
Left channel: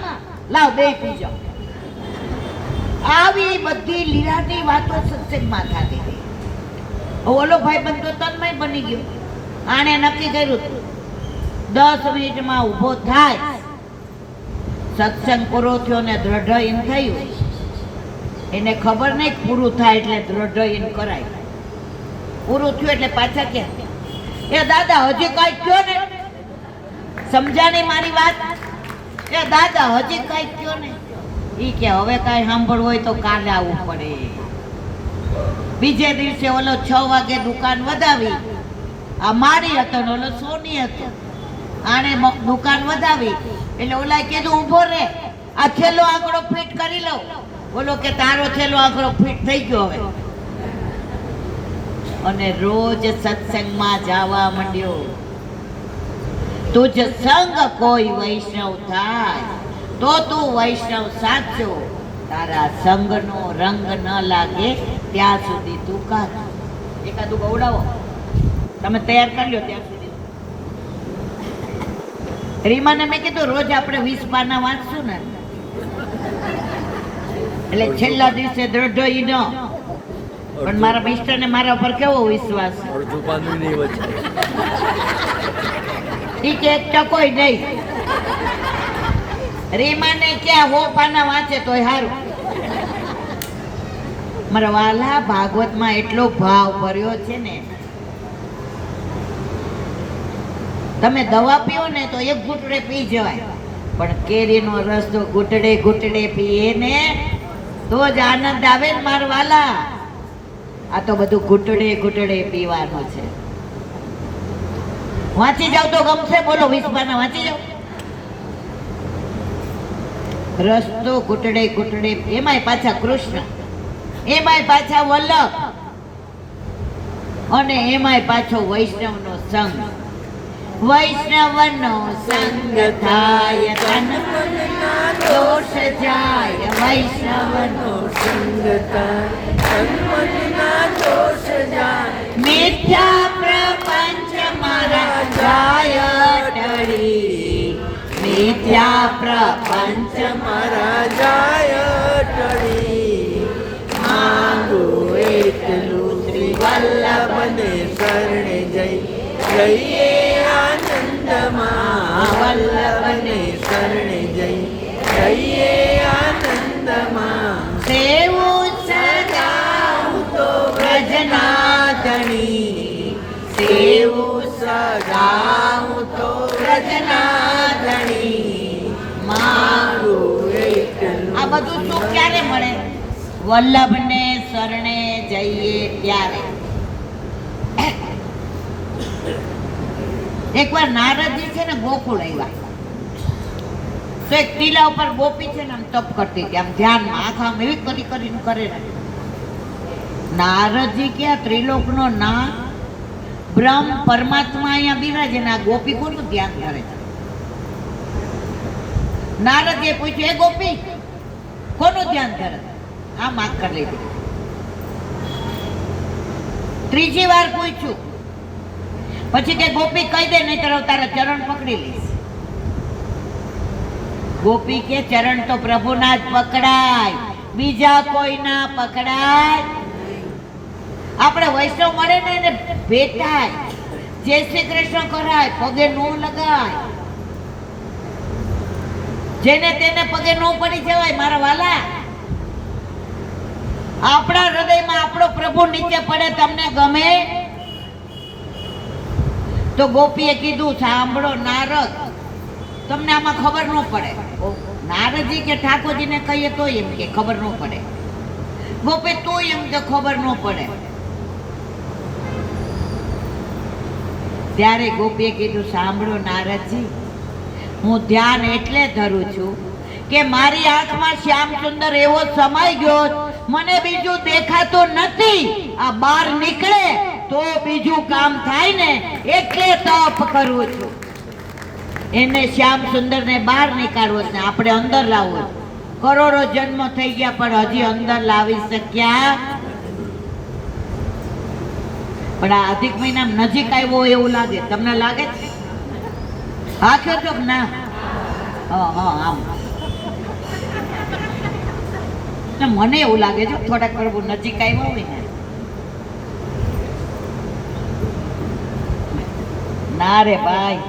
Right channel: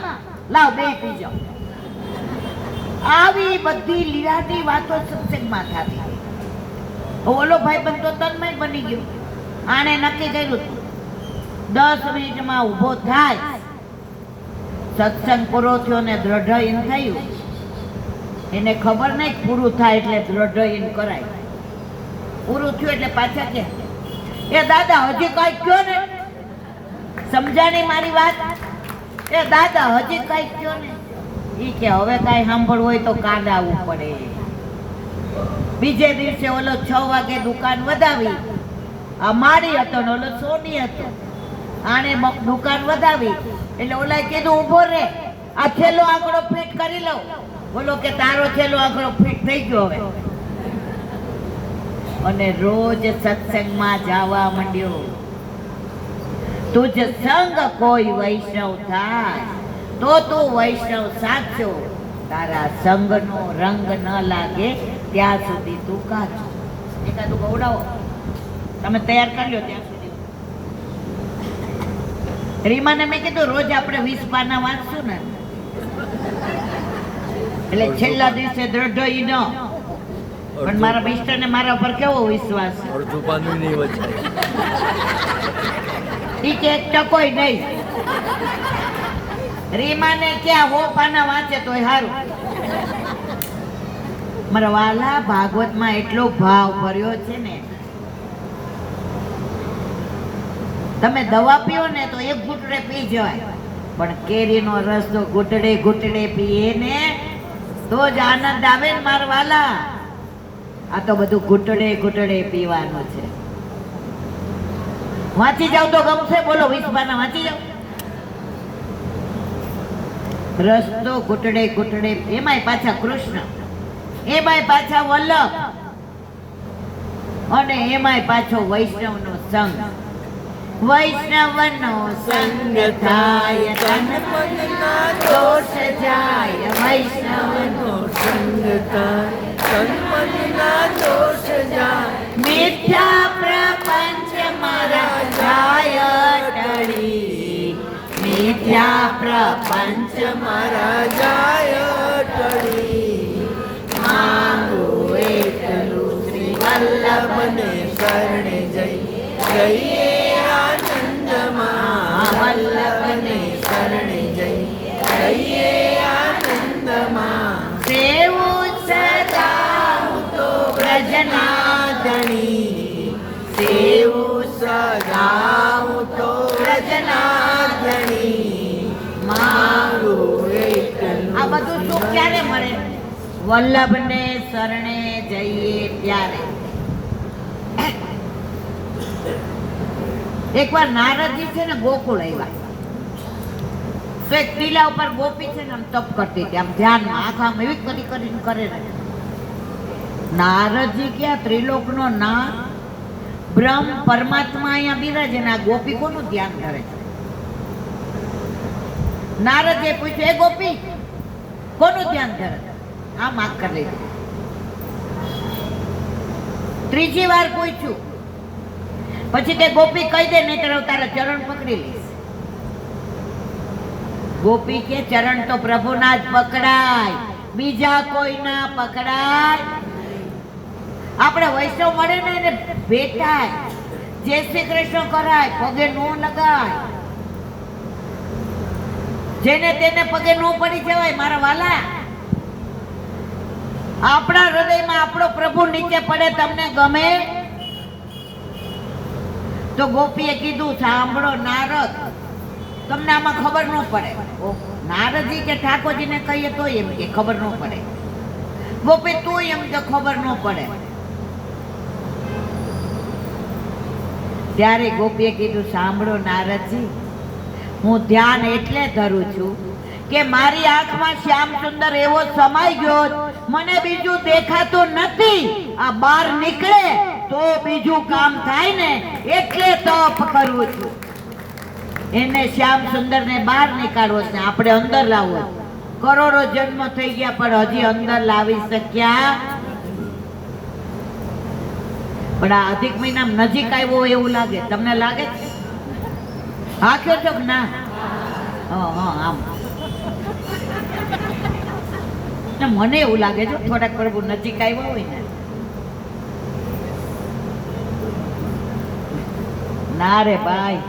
લાવ બે પીજો. આવી બધી લીલાની વાતો સત્સંગમાં થતી હતી. ઓલો ભાઈ બંધ તો તન્મય બની ગયો. આણે નક્કી કર્યું 10 મિનિટમાં ઊભો થાય. સત્સંગ પૂરો થયો ને દ્રઢ થયું. એને ખબર નહીં પૂરું થાય એટલે દ્રઢ કરાય. પૂરું થયું એટલે પાછા કે એ દાદા હજી કઈ કયો ને, સમજાણી મારી વાત? એ દાદા હજી કઈ કયો ને. ઈ કે હવે કઈ સાંભળવું હોય તો કાલે આવવું પડે. બીજે દિવસે ઓલો 6 વાગે દુકાન વધાવી. આ મારી હતો ને ઓલો સોની હતો. આણે દુકાન વધાવી એટલે ઓલા કીધું ઊભો રે, આ છેલ્લો આંકડો ફિટ કરી લઉં. બોલો કે તારો છેલ્લો આંકડો ફિટ થઈ ગયો હવે. અને રોજ સત્સંગમાં જવા માંડ્યો. તુજ સંગ કોઈ વૈષ્ણવ થાય તો તું વૈષ્ણવ સાચો, તારા સંગનો રંગ ન લાગે ત્યાં સુધી તું કાચો. એકાદું ગવડાવો, તમે તૈયાર કરી લો ત્યાં સુધી. રીમાને મેં કીધું રોજ આપણે 20 પાના વાંચશું ને એટલે છેલ્લા દિવસે દ્રઢ ઈ ન. પણ મારા મિસ્ટર ને મારા ઉપર કેવો વિશ્વાસ, ઈ કે 1 ટકોય નહીં. રીમાને ક્યાં 100 પાના વાંચે તોય સારું. મારા વાલા ભાગવતમાં એટલો ભાવ ભર્યો છે ને, તમે દવા પીઓ ને તો 1 ઘૂંટડે પી જવાય, પણ કેરીનો રસ તો ઘૂંટડે ઘૂંટડે પીએ ને તો જ આનંદ આવે ને મારા વાલા. આ તો બધું ઘૂંટડે ઘૂંટડે પીવાનું છે. વાંચી જાવ તો ગમશે. બોલો 20 પાના વાંચી જાવ. રસ્તો ઘૂંટડે ઘૂંટડે, એમાંય પાછા કૃષ્ણ, એમાંય પાછા વલ્લભ, અને એમાંય પાછો વૈષ્ણવનો સંગ. વૈષ્ણવનો સંગ થાય તન મનના દોષ જાય. વૈષ્ણવનો સંગ થાય તન મનના દોષ જાય. મિથ્યા પ્રપંચ મારા જાય ટળી. મિથ્યા પ્રપંચ મારા જાય ટળી. માંગુ એકલું શ્રી વલ્લભને શરણે જઈએ આનંદમાં. વલ્લભને શરણે જઈએ આનંદમાં. સેવું સદા હું તો વ્રજનાથણી. સેવું સદા હું તો વ્રજનાથણી. મારું એકલું આ બધું સુખ ક્યારે મળે? વલ્લભને શરણે જઈએ ત્યારે. એકવાર નારદજી છે ને ગોકુળ આવ્યા, તો એક ટીલા ઉપર ગોપી છે ને આમ તપ કરતી હતી, આમ ધ્યાનમાં આંખ આમ એવી કરીને કરે ને. નારદજી ક્યાં ત્રિલોકનો નાથ બ્રહ્મ પરમાત્મા અહીંયા બિરાજે ને આ ગોપી કોનું ધ્યાન કરે છે? નારદે પૂછ્યું, એ ગોપી કોનું ધ્યાન કરે? આમ આંખ કરી લીધી. ત્રીજી વાર પૂછ્યું, પછી કે ગોપી કહી દે નહીં તો તારા ચરણ પકડી લઈશ. ગોપી કે ચરણ તો પ્રભુના જ પકડાય, બીજા કોઈ ના પકડાય. આપણે વૈષ્ણવ મળે ને એને ભેટાય, જય શ્રી કૃષ્ણ કરાય, પગે નો લગાય. જેને તેને પગે નો પડી જવાય મારા વાલા. આપણા હૃદયમાં આપણો પ્રભુ નીચે પડે, તમને ગમે? તો ગોપીએ કીધું, સાંભળો નારદ, તમને આમાં ખબર ન પડે. નારદજી કે ઠાકોરજીને કહીએ તો એમ કે ખબર ન પડે. ગોપી તું એમ કે ખબર ન પડે. ત્યારે ગોપીએ કીધું, સાંભળો નારદજી, હું ધ્યાન એટલે ધરું છું કે મારી આંખમાં શ્યામ સુંદર એવો સમાઈ ગયો, મને બીજું દેખાતું નથી. આ બહાર નીકળે તો બીજું કામ થાય ને, એટલે તપ કરું છું. એને શ્યામ સુંદર ને બહાર નીકાળવો છે, આપણે અંદર લાવવો. કરોડો જન્મ થઈ ગયા પણ હજી અંદર લાવી શક્યા. પણ આ અધિક મહિના નજીક આવ્યો એવું લાગે, તમને લાગે? હા કે તો ના? આમ મને એવું લાગે છે થોડાક પ્રભુ નજીક આવ્યા હોય ને. ના રે ભાઈ,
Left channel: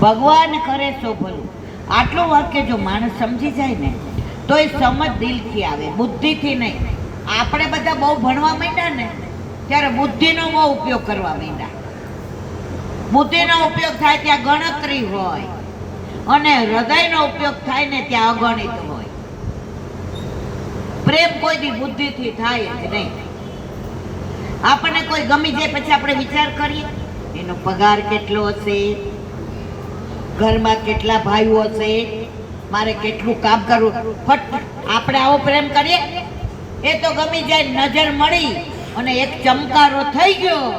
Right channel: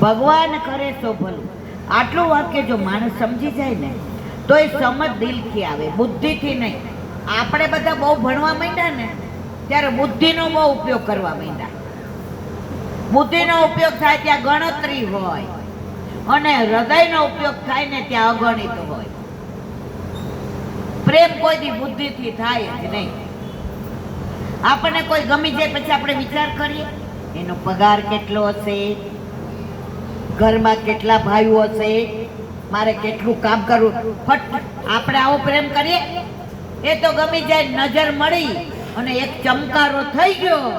ભગવાન કરે તો ભલું. આટલું વાક્ય જો માણસ સમજી જાય ને તો એ સમજ દિલથી આવે, બુદ્ધિથી નહીં. આપણે બધા બહુ ભણવા માંડ્યા ને ત્યારે બુદ્ધિનો બહુ ઉપયોગ કરવા માંડ્યા. બુદ્ધિનો ઉપયોગ થાય ત્યાં ગણતરી હોય, અને હૃદયનો ઉપયોગ થાય ને ત્યાં અગણિત હોય. પ્રેમ કોઈ દી બુદ્ધિથી થાય જ નહીં. આપણને કોઈ ગમી જાય પછી આપણે વિચાર કરીએ એનો પગાર કેટલો હશે, ઘરમાં કેટલા ભાઈઓ હશે, મારે કેટલું કામ કરવું. ફટ આપણે આવો પ્રેમ કરીએ, એ તો ગમી જાય, નજર મળી અને એક ચમકારો થઈ ગયો,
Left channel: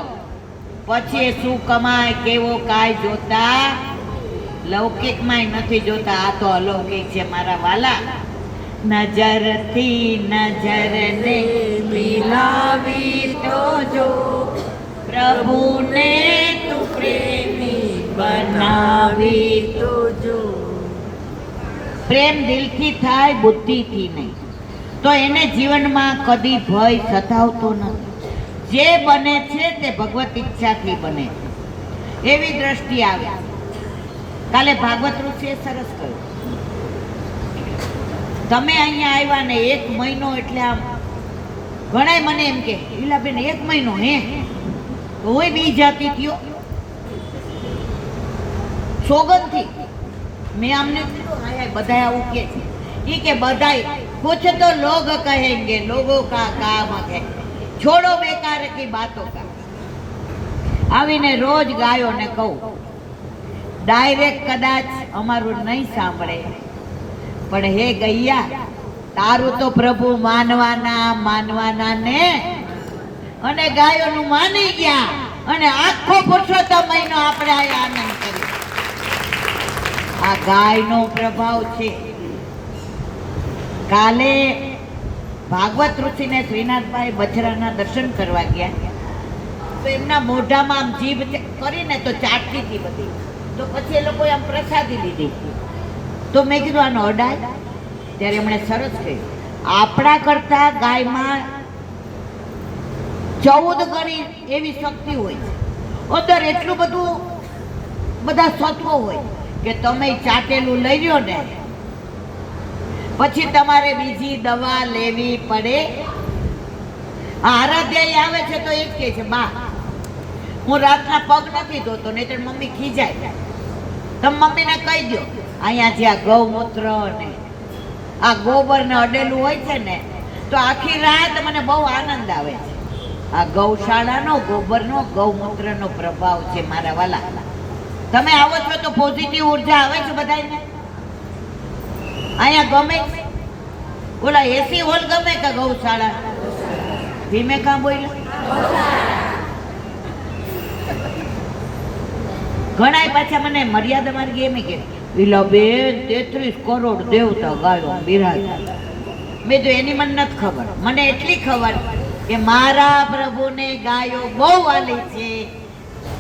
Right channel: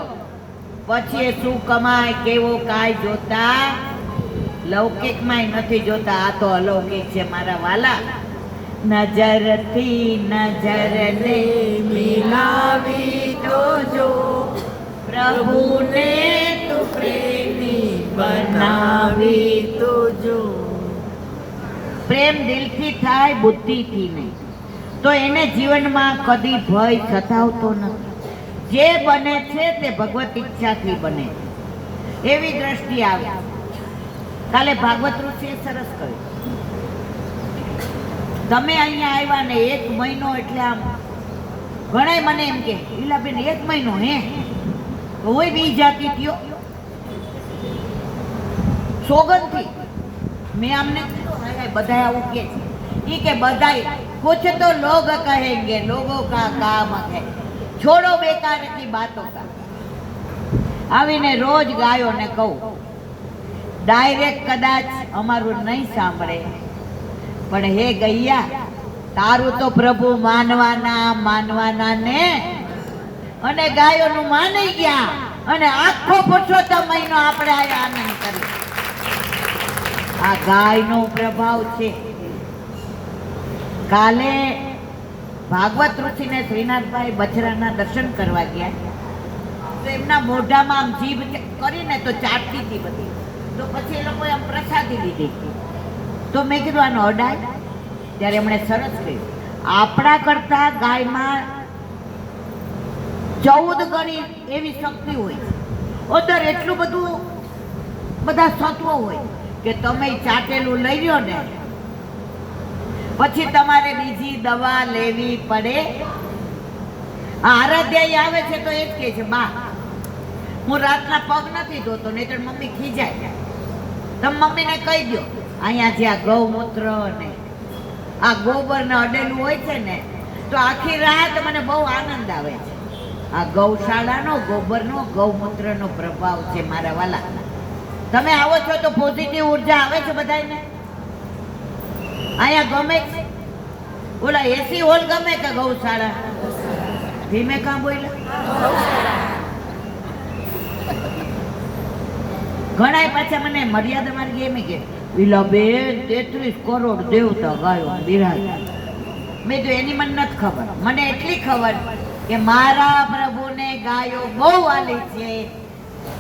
પછી એ શું કમાય કેવો કાય જોતા લૌકિકમાં નથી જોતા. આ તો અલૌકિક છે મારા વાલા. નજરથી નજરને મિલાવી તો જો, પ્રભુને તું પ્રેમી બનાવી તો જો. પ્રેમ દિલથી થાય, બુદ્ધિથી નહીં. તો એને જીવનમાં કદી ભય સતાવતો નથી. જે બને છે તે ભગવત ઈચ્છાથી બને, એવી દ્રષ્ટિ આવે. કાલે ભાગવત ઋષિએ સરસ કહ્યું, તમે અહીંયા આવ્યા ને 1 મહિનો એટલે આમ ઘણાય મને એમ કે લીલાબેન 1 મહિનો હે હોય બી જાતી થયો સોગંદથી. મેં આમને કીધું હા બધા આવું કે છે, ये के बधाई कुछ तो लोग कहेंगे, लोगों का काम है, छोड़ो बेकार की बातों का. आवीने रोज गायो ने कहूं ડાયરેક્ટ કદાચ અમારું નહીં સાંભળે, પણ હે ગૈયા, તારું તો પ્રભુ માનવાના ને, અને ગાયોનું માની ગયા, અને આખો પુરુષોત્તમ મહિનો આપણે આ આનંદ કર્યો. આ ગાયનો પ્રભાવ છે. કાલે ભાગવત ઋષિને શ્રીનાથભાઈ બછરાના દર્શન કરવા ગયા, તો એમના મોઢામાં આમ જીભ કરીને તો ચાટતી હતી બધી, તો પછી એ લોકોએ આમ પ્રસાદી લીધી. તો મેં કીધું આનો અડાય, ત્યારે એમણે સરસ કહ્યું, આપણા કરતા ગાયમાં 14 ગણી એવી શક્તિ હોય છે, અંદર એટલું બધું બધા સત્વો હોય કે તમે ચાટેલું લઈ લ્યો ને પછી તમારે બીજી દવા લેવી પડે. આરાધ્યા આવે છે તો એ જ કહે છે, બા હું રાતના પગ નથી ધોતો, નહીં તો મમ્મી ખીજાય. તમે મમ્મીને કહી દો, અહીંયા જે આ ગૌમૂત્ર ને આ ગોબર ને અડેલું હોય છે ને, તો આખી રાત મને બહુ આનંદ આવે છે. આ ગૌશાળાનો ગોબરનો ગૌમૂત્રનો પ્રભાવ છે મારા વાલા. તમે આવો છો તો પોઝિટિવ ઉર્જા આવે છે બધાને. અહીંયા ગમે ઓલા એસી હોલ ગમે કે ગૌશાળા? ધીમે કાં બોલ્યા? ઘણા પાછા મને મર્યાદા માર્ગી એમ કે વિલા બેન 33 કરોડ દેવતા ગાયો બિરાજ. મેં તો એની મને નથી ખબર, મને એટલી ખબર કે મારા પ્રભુને ગાયો બહુ વાલી છે,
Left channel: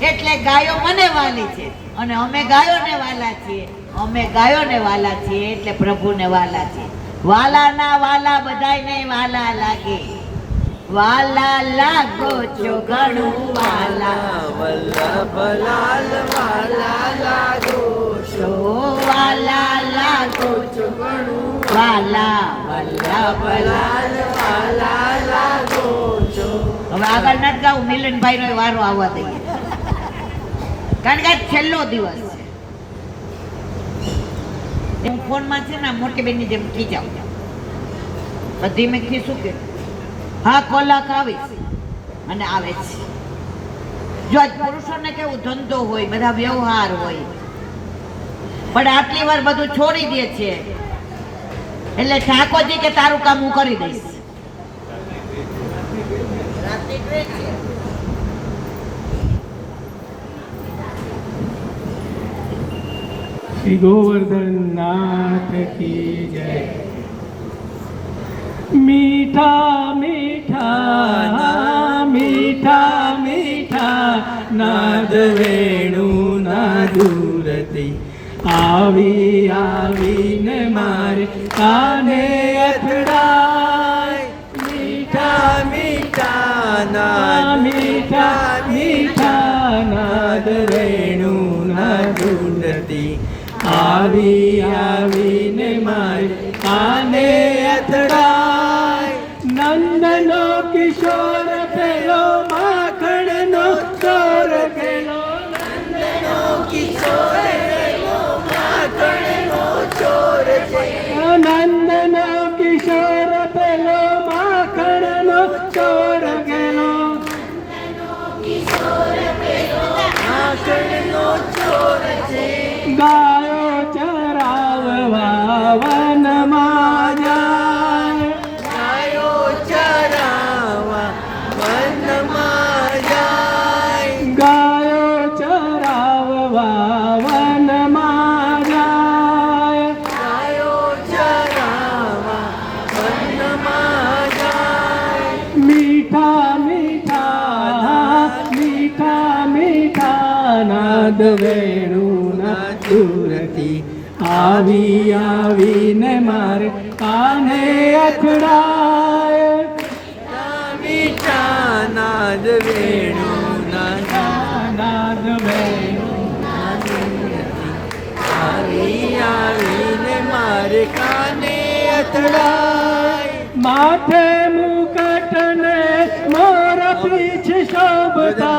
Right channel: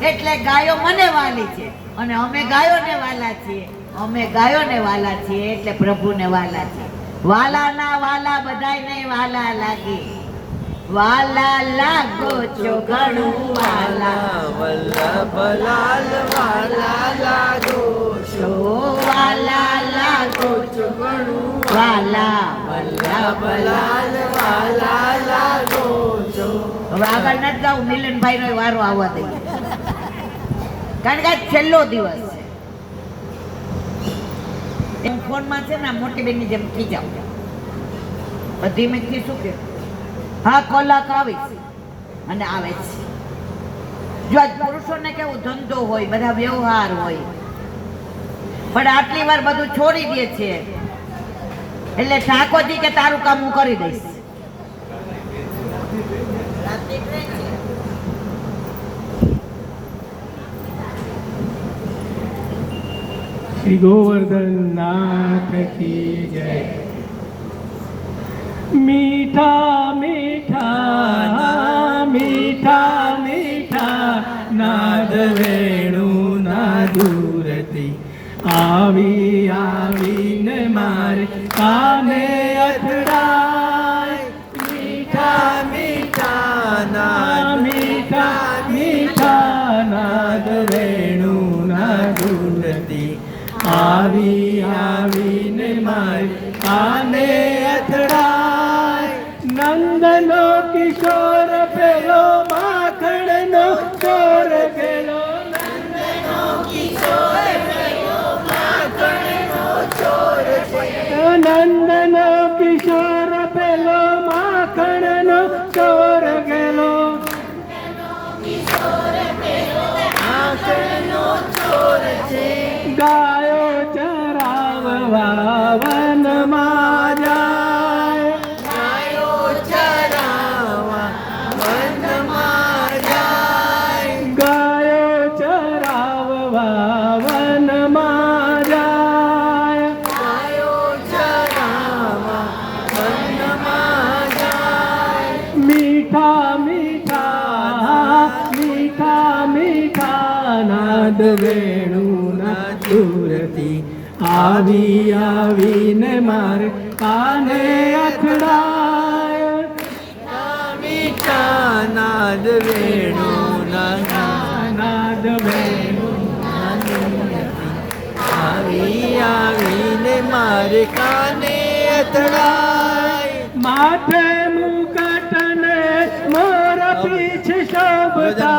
એટલે ગાયો મને વાલી છે, અને અમે ગાયોને વાલા છીએ. અમે ગાયોને વાલા છીએ એટલે પ્રભુને વાલા છીએ. વાલાના વાલા બધાયને વાલા લાગે. વાલા લાગો છો ઘણું વાલા, વલ્લભલાલ વાલા લાગો છો, વાલા લાગો છો ઘણું વાલા, વલ્લભલાલ. વાલા લાગો છો. હવે આગળ નથી જાઉં, મિલનભાઈ નો વારો આવવા દઈએ, કારણ કે આજ છેલ્લો દિવસ છે. હું ફોનમાં છે ને મોટી બેનની જેમ ખીજાવ, બધી મેં કીધું કે હા કલાક આવીશ, અને આવે છે. જો આજ પુરુષોને કેવું ધંધો હોય, બધા વ્યવહાર હોય, પણ આટલી વાર બધું છોડી દે છે, એટલે ઠાકોરજી કે તારું કામ હું કરી દઈશ. श्री गोवर्धन नाथ की जय। मीठा मीठा मीठा मीठा नाद वेणु नादुरती आवी आवी ने मारे काने अथड़ाय। मीठा मीठा ना मीठा मीठा नाद वेणु नादुरती आवी आवी ने मारे काने अथड़ाय। नंदनो किशोर पेलो माखणनो चोर पेलो, नंदनो किशोर पेलो माखणनो चोर पेलो, नंदनो किशोर पेलो माखणनो चोर पेलो, माखणनो चोर छे। गायो चराववा वનમાં જાય, ગાયો ચરાવવા વનમાં જાય, ગાયો ચરાવવા વનમાં જાય, ગાયો ચરાવવા વનમાં જાય। મીઠા મીઠા મીઠા મીઠા નાદ વેણુ નાદુરતી आवी आवी ने मारे काने अथड़ाय। मीठा नाद वेणु नाद वेणु आवी आवी ने मारे काने अथड़ाय। माथे मुकुट ने मोर पीछ शोभता,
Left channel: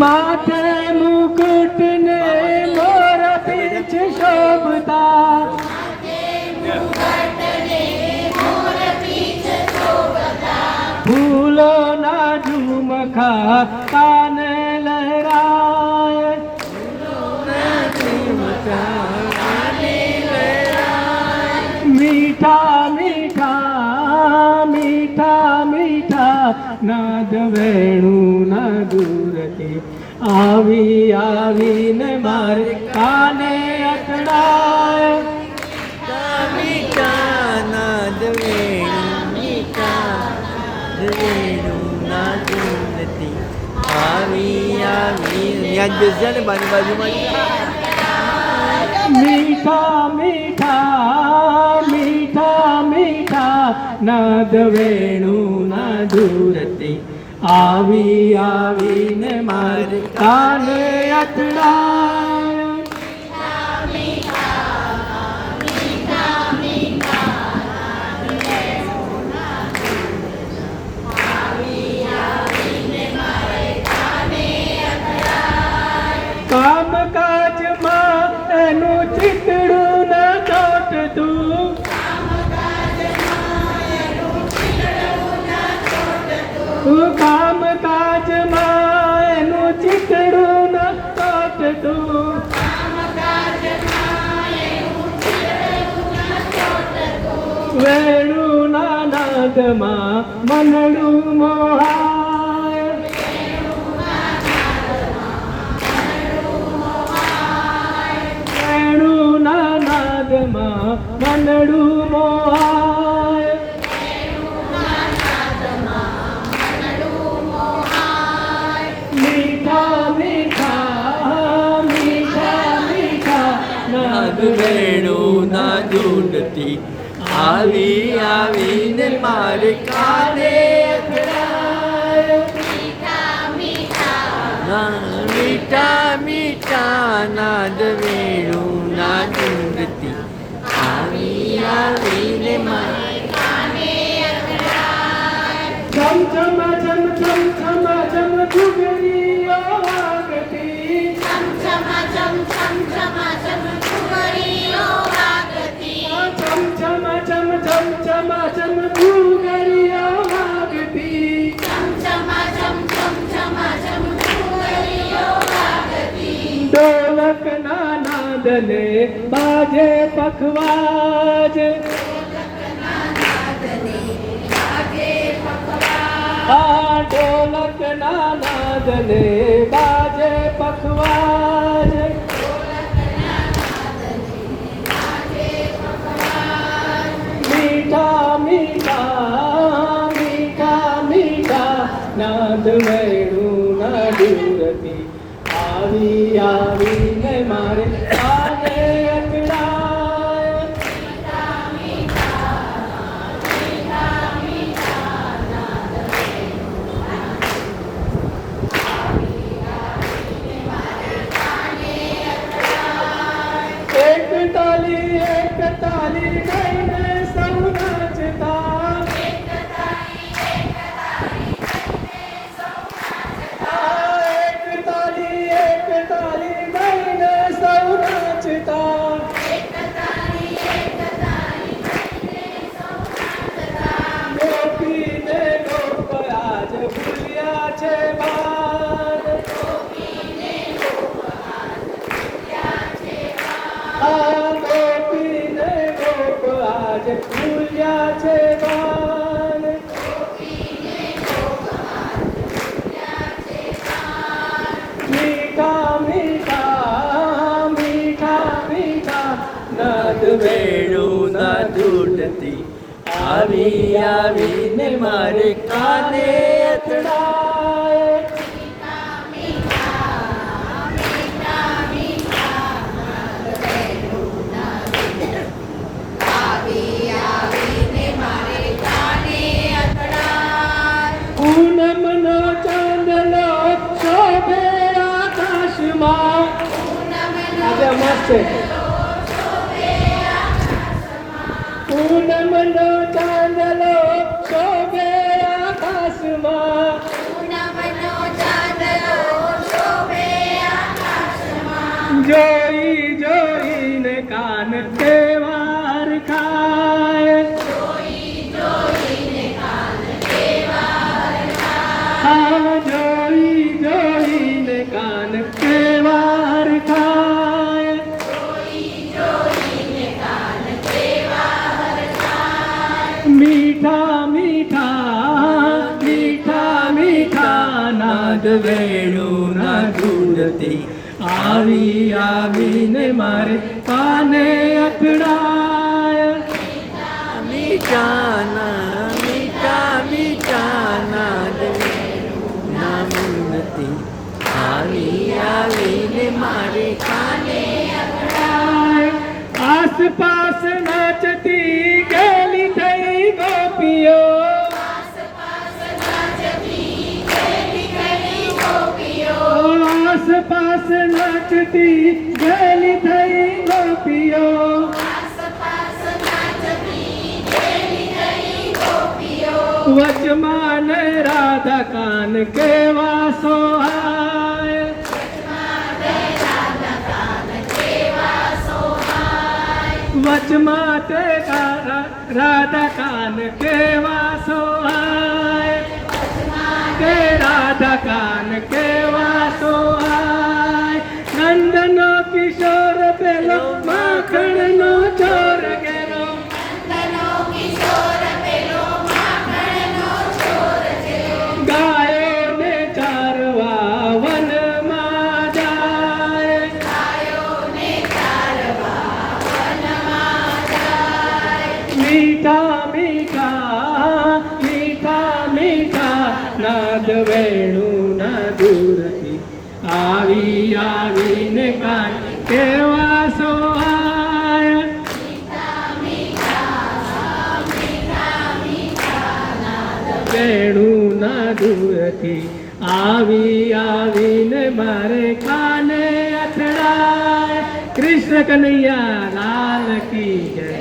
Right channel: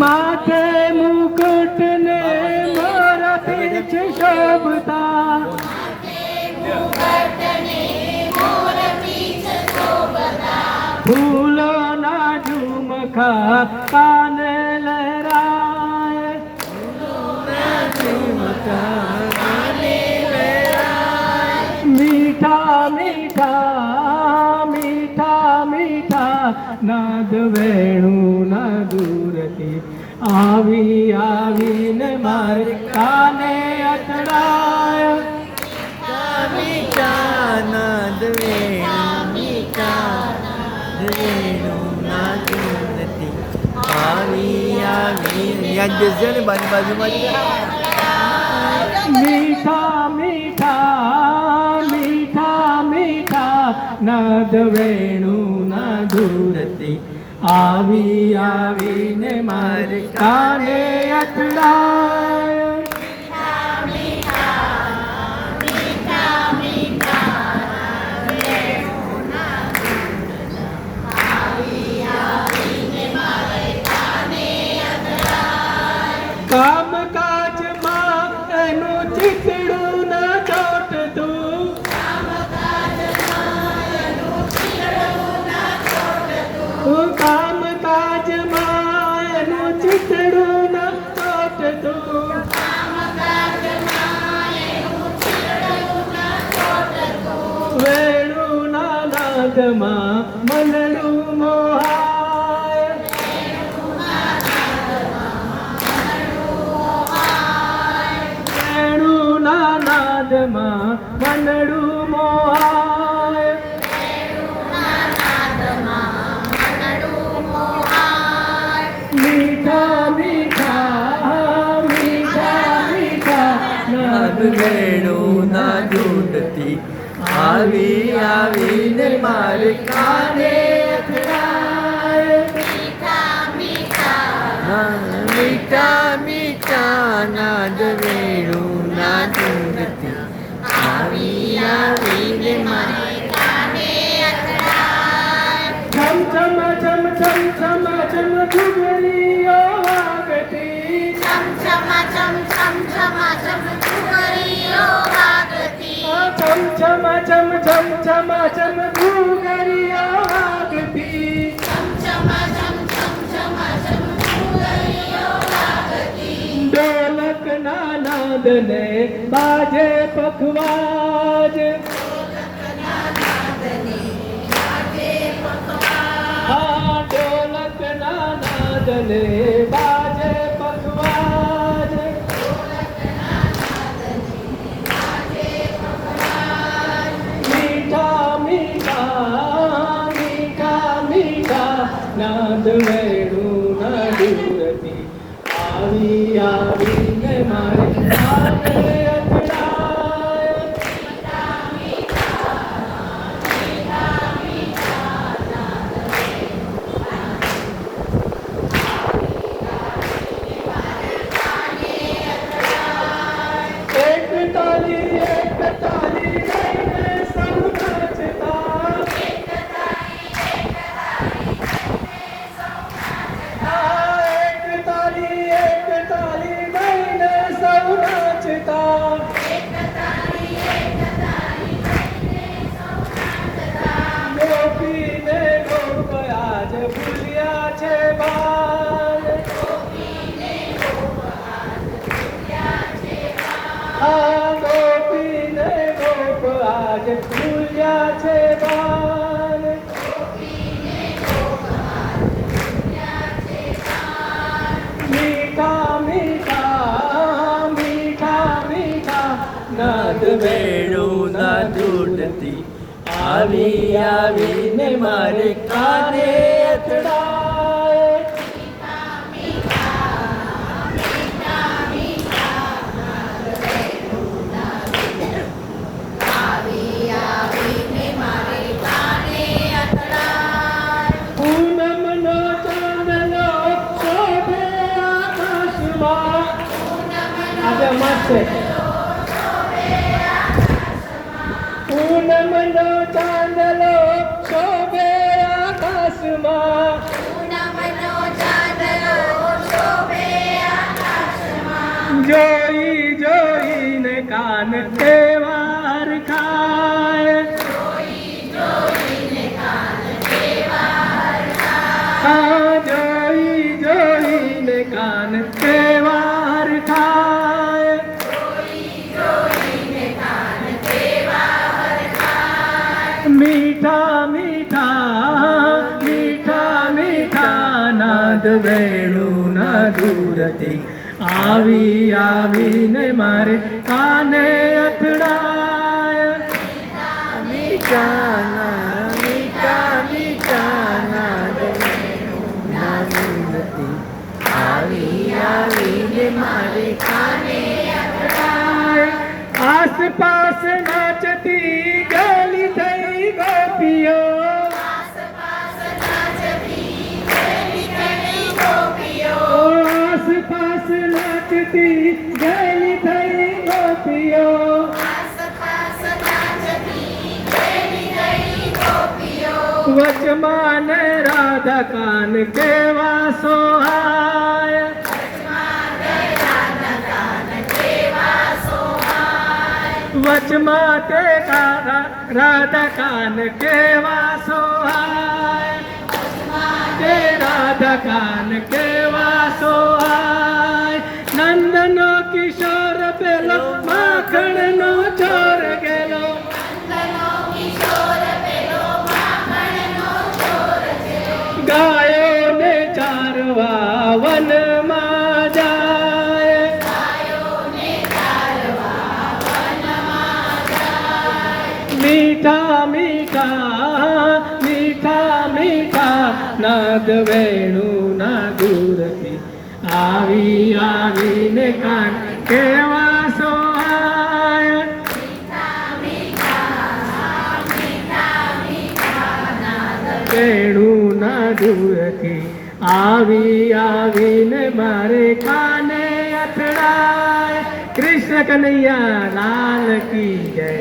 माथे मुकुट ने मोर पीछ शोभता, फूलो ना झूम મખા કાન લહેરાય મીઠા મીઠા મીઠા મીઠા નાદ વેણું ના દૂરથી આવી આવીને મારે કાને અથડાય મીઠા નાદ નથી આવી યાદ બેસશે ને બાની બાજુમાં મીઠા મીઠા મીઠા મીઠા નાદ વેણું ના દૂરથી આવી આવીને મારે કાને અથડાય કામ કાજમાં એનું ચીતડું ના ચોટતું કામ કાજમાં એનું ચીતડું ના ચોટતું વેણું ના નાદમાં મનડું મોહાય વેણું ના નાદમાં મનડું મોહાય મીઠા મીઠા મીઠા મીઠા નાદ વેણું ના જોડતી આવી આવીને મારે કાને અથડાય મીઠા મીઠા નાદ વેણું ના જોડતી આવી આવીને મારે ચમ ચમ ચમ ચમ ચમ ચમ ઘુઘરીઓ વાગતી ચમ ચમ ચમ ચમ ચમ ઘુઘરીઓ વાગતી ઢોલક ના નાદને બાજે પખવાજ હા ઢોલક ના નાદને બાજે પખવાજ મીઠા મીઠા મીઠા મીઠા નાદ વેણું ના દૂરથી આવી આવીને મારે કાને અથડાય એક તાલી ગાઈને સૌ નાચતા એક તાલી ગાઈને સૌ નાચતા ગોપીને ગોપ આજ ભૂલ્યા છે બાદ ગોપીને ગોપ આજ ભૂલ્યા છે બાદ મીઠા મીઠા મીઠા મીઠા નાદ વેણું ના જોડતી આવી આવીને મારે કાને અથડાય પૂનમનો ચાંદલો શોભે આકાશમાં આજે મસ્ત છે પૂનમનો ચાંદલો શોભે આકાશમાં જોઈ જોઈને કાન તહેવાર ખાય હા મીઠા મીઠા મીઠા મીઠા નાદ વેણુના દૂરથી આવી આવીને મારે કાને અથડાય. મીઠા મીઠા નાદ ના મૂર્તિ આવી આવીને મારે કાને આસપાસ નાચતી ગેલી થઈ ગોપીઓ. આસપાસ નાચતી ગેલી થઈ ગોપીઓ. વચમાં ને રાધા કાન કેવા સોહાય. વચમાં તે રાધા કાન કેવા સોહાય. તે રાધા કાન કેવા સોહાય. નંદનો કિશોર પેલો માખણનો ચોર ગેલો. ગાયોને ચારવા વનમાં જાય. મીઠા મીઠા મીઠા મીઠા નાદ વેણુના દૂરથી આવી આવીને કાન કેવા સોહાય. વેણુના દૂરથી આવી આવીને મારે કાને અથડાય. કૃષ્ણ કનૈયા લાલ કી જય.